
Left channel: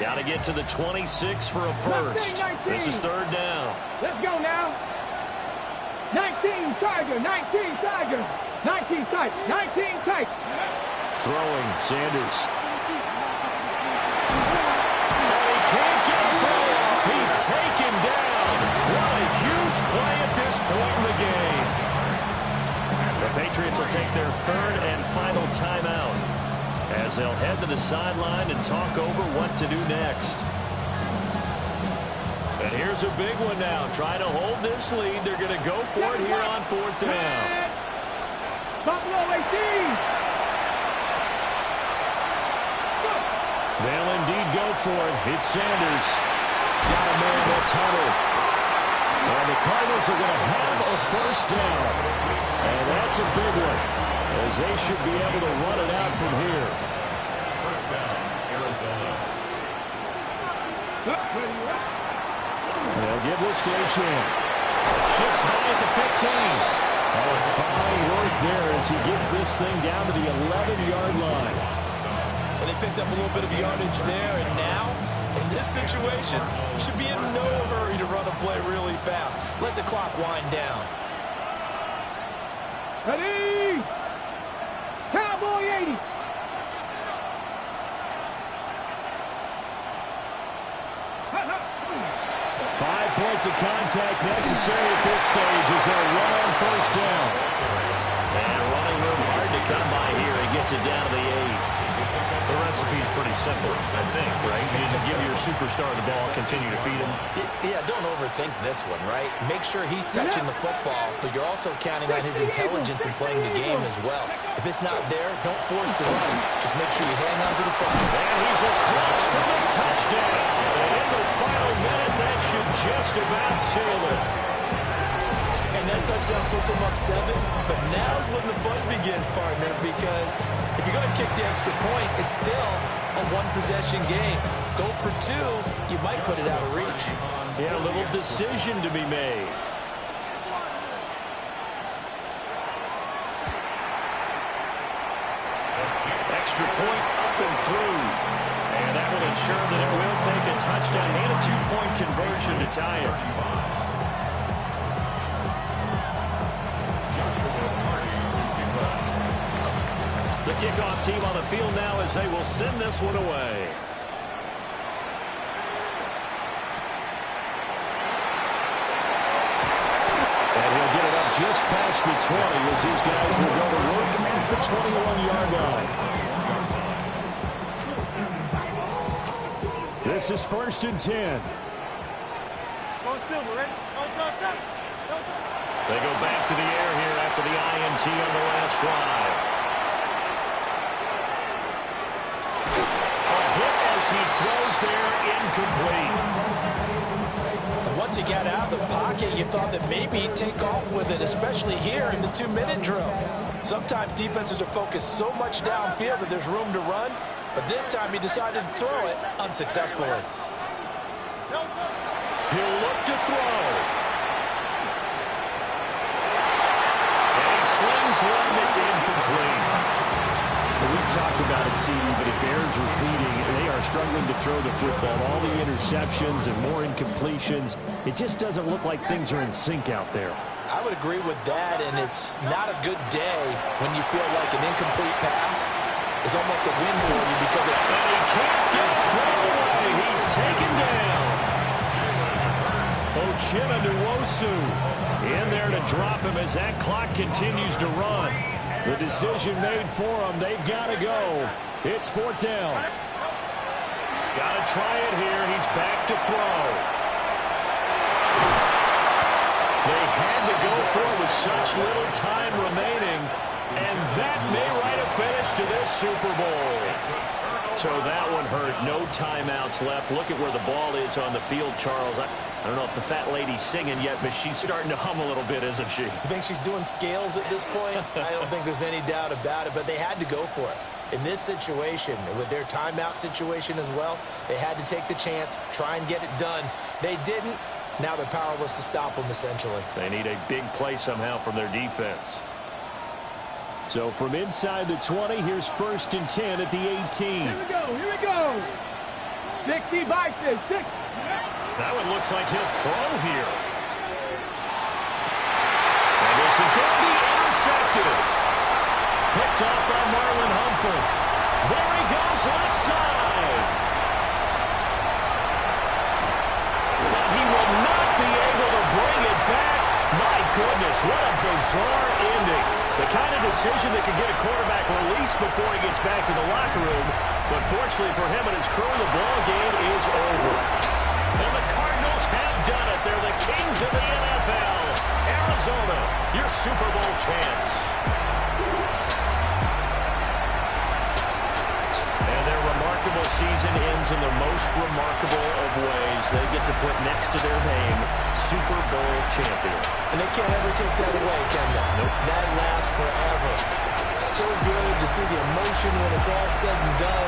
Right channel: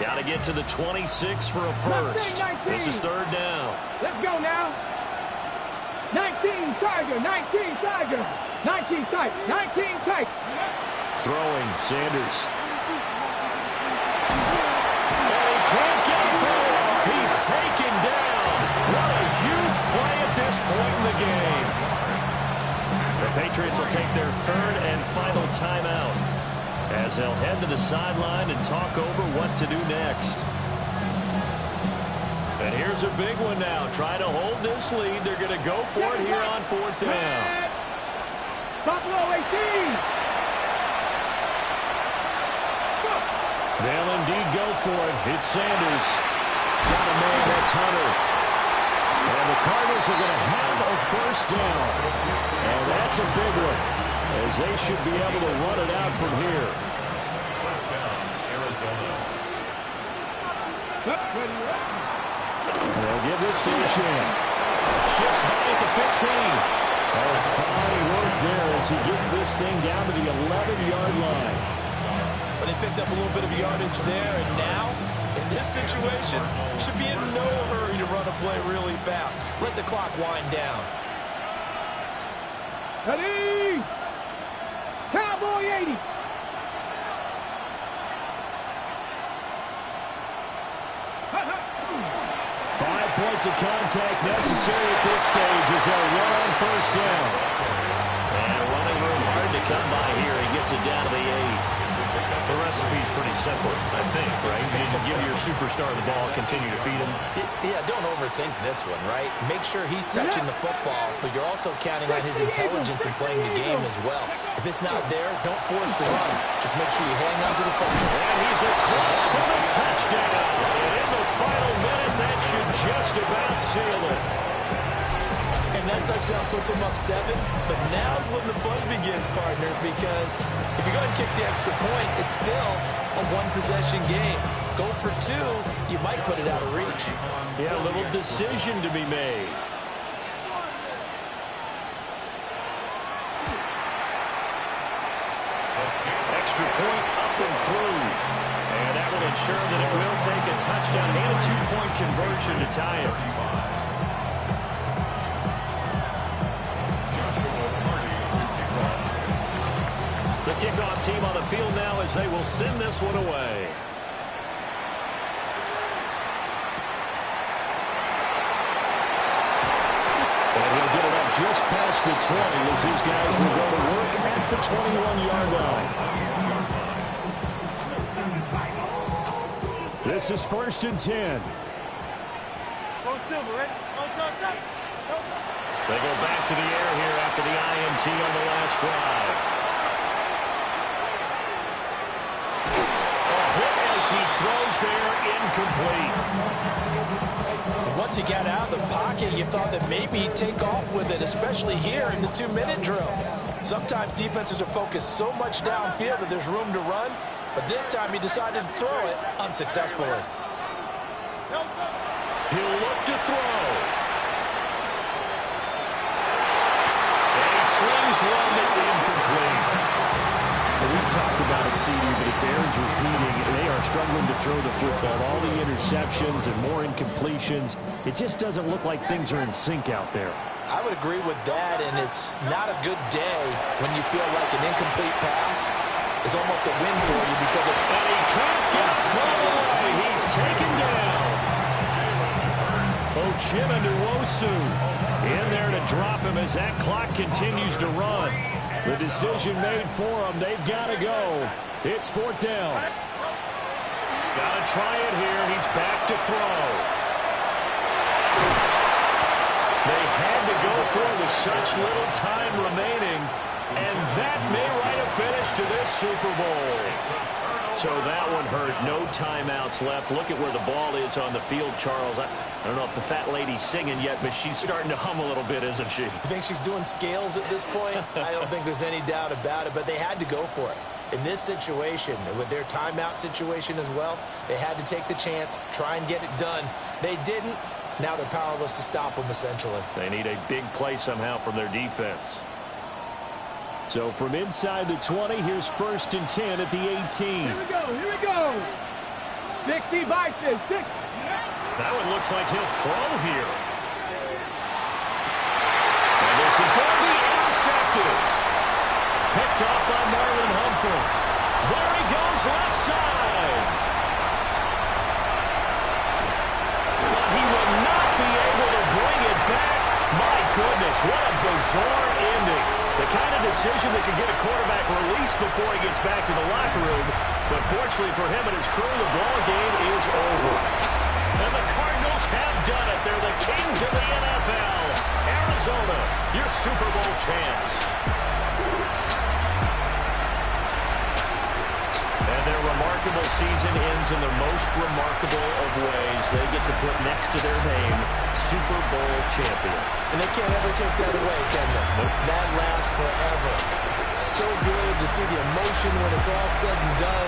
Got to get to the 26 for a first. 19. This is 3rd down. Let's go now. 19 Tiger. 19 Tiger. 19 tight. 19 tight. Throwing, Sanders. And he can't get a throw off. He's taken down. What a huge play at this point in the game. The Patriots will take their 3rd and final timeout as they'll head to the sideline and talk over what to do next. And here's a big one now. Trying to hold this lead. They're going to go for it here on 4th down. Buffalo 18. They'll indeed go for it. It's Sanders. Got a man. That's Hunter. And the Cardinals are going to have a 1st down. And that's a big one, as they should be able to run it out from here. 1st down, Arizona. They'll give this to Achane. Shifts by at the 15. Oh, fine work there as he gets this thing down to the 11-yard line. But they picked up a little bit of yardage there, and now, in this situation, should be in no hurry to run a play really fast. Let the clock wind down. Ready? Cowboy 80. Five points of contact necessary at this stage as they'll run on 1st down. And running room hard to come by here. He gets it down to the 8. The recipe's pretty simple, I think, right? You just give your superstar the ball, continue to feed him. Yeah, don't overthink this one, right? Make sure he's touching the football, but you're also counting on his intelligence in playing the game as well. If it's not there, don't force the run. Just make sure you hang on to the football. And he's across for the touchdown. And in the final minute, that should just about seal it. And that touchdown puts him up 7. But now's when the fun begins, partner, because if you go ahead and kick the extra point, it's still a one-possession game. Go for 2, you might put it out of reach. Yeah, a little decision to be made. Extra point up and through. And that will ensure that it will take a touchdown and a 2-point conversion to tie it. The kickoff team on the field now as they will send this one away. And he'll get it up just past the 20 as these guys will go to work at the 21-yard line. This is 1st and 10. Go Silver, ready? They go back to the air here after the INT on the last drive. As he throws there, incomplete. Once he got out of the pocket, you thought that maybe he'd take off with it, especially here in the 2-minute drill. Sometimes defenses are focused so much downfield that there's room to run, but this time he decided to throw it unsuccessfully. He'll look to throw. And he slings one that's incomplete. We've talked about it, CD, but it bears repeating. They are struggling to throw the football. All the interceptions and more incompletions. It just doesn't look like things are in sync out there. I would agree with that, and it's not a good day when you feel like an incomplete pass is almost a win for you because of... And he can't get a throw away. He's taken down. Uchenna Nwosu in there to drop him as that clock continues to run. The decision made for them. They've got to go. It's 4th down. Got to try it here. He's back to throw. They had to go for it with such little time remaining. And that may write a finish to this Super Bowl. So that one hurt. No timeouts left. Look at where the ball is on the field, Charles. I don't know if the fat lady's singing yet, but she's starting to hum a little bit, isn't she? You think she's doing scales at this point? I don't think there's any doubt about it, but they had to go for it. In this situation, with their timeout situation as well, they had to take the chance, try and get it done. They didn't. Now they're powerless to stop them, essentially. They need a big play somehow from their defense. So from inside the 20, here's 1st and 10 at the 18. Here we go. 60 by 6. That one looks like he'll throw here. And this is going to be intercepted. Picked off by Marlon Humphrey. There he goes left side. But he will not be able to bring it back. My goodness, what a bizarre ending. The kind of decision that could get a quarterback released before he gets back to the locker room. But fortunately for him and his crew, the ball game is over. And the Cardinals have done it. They're the kings of the NFL. Arizona, your Super Bowl champs. And their remarkable season ends in the most remarkable of ways. They get to put next to their name, Super Bowl champion. And they can't ever take that away, can they? Nope. That lasts forever. So good to see the emotion when it's all said and done.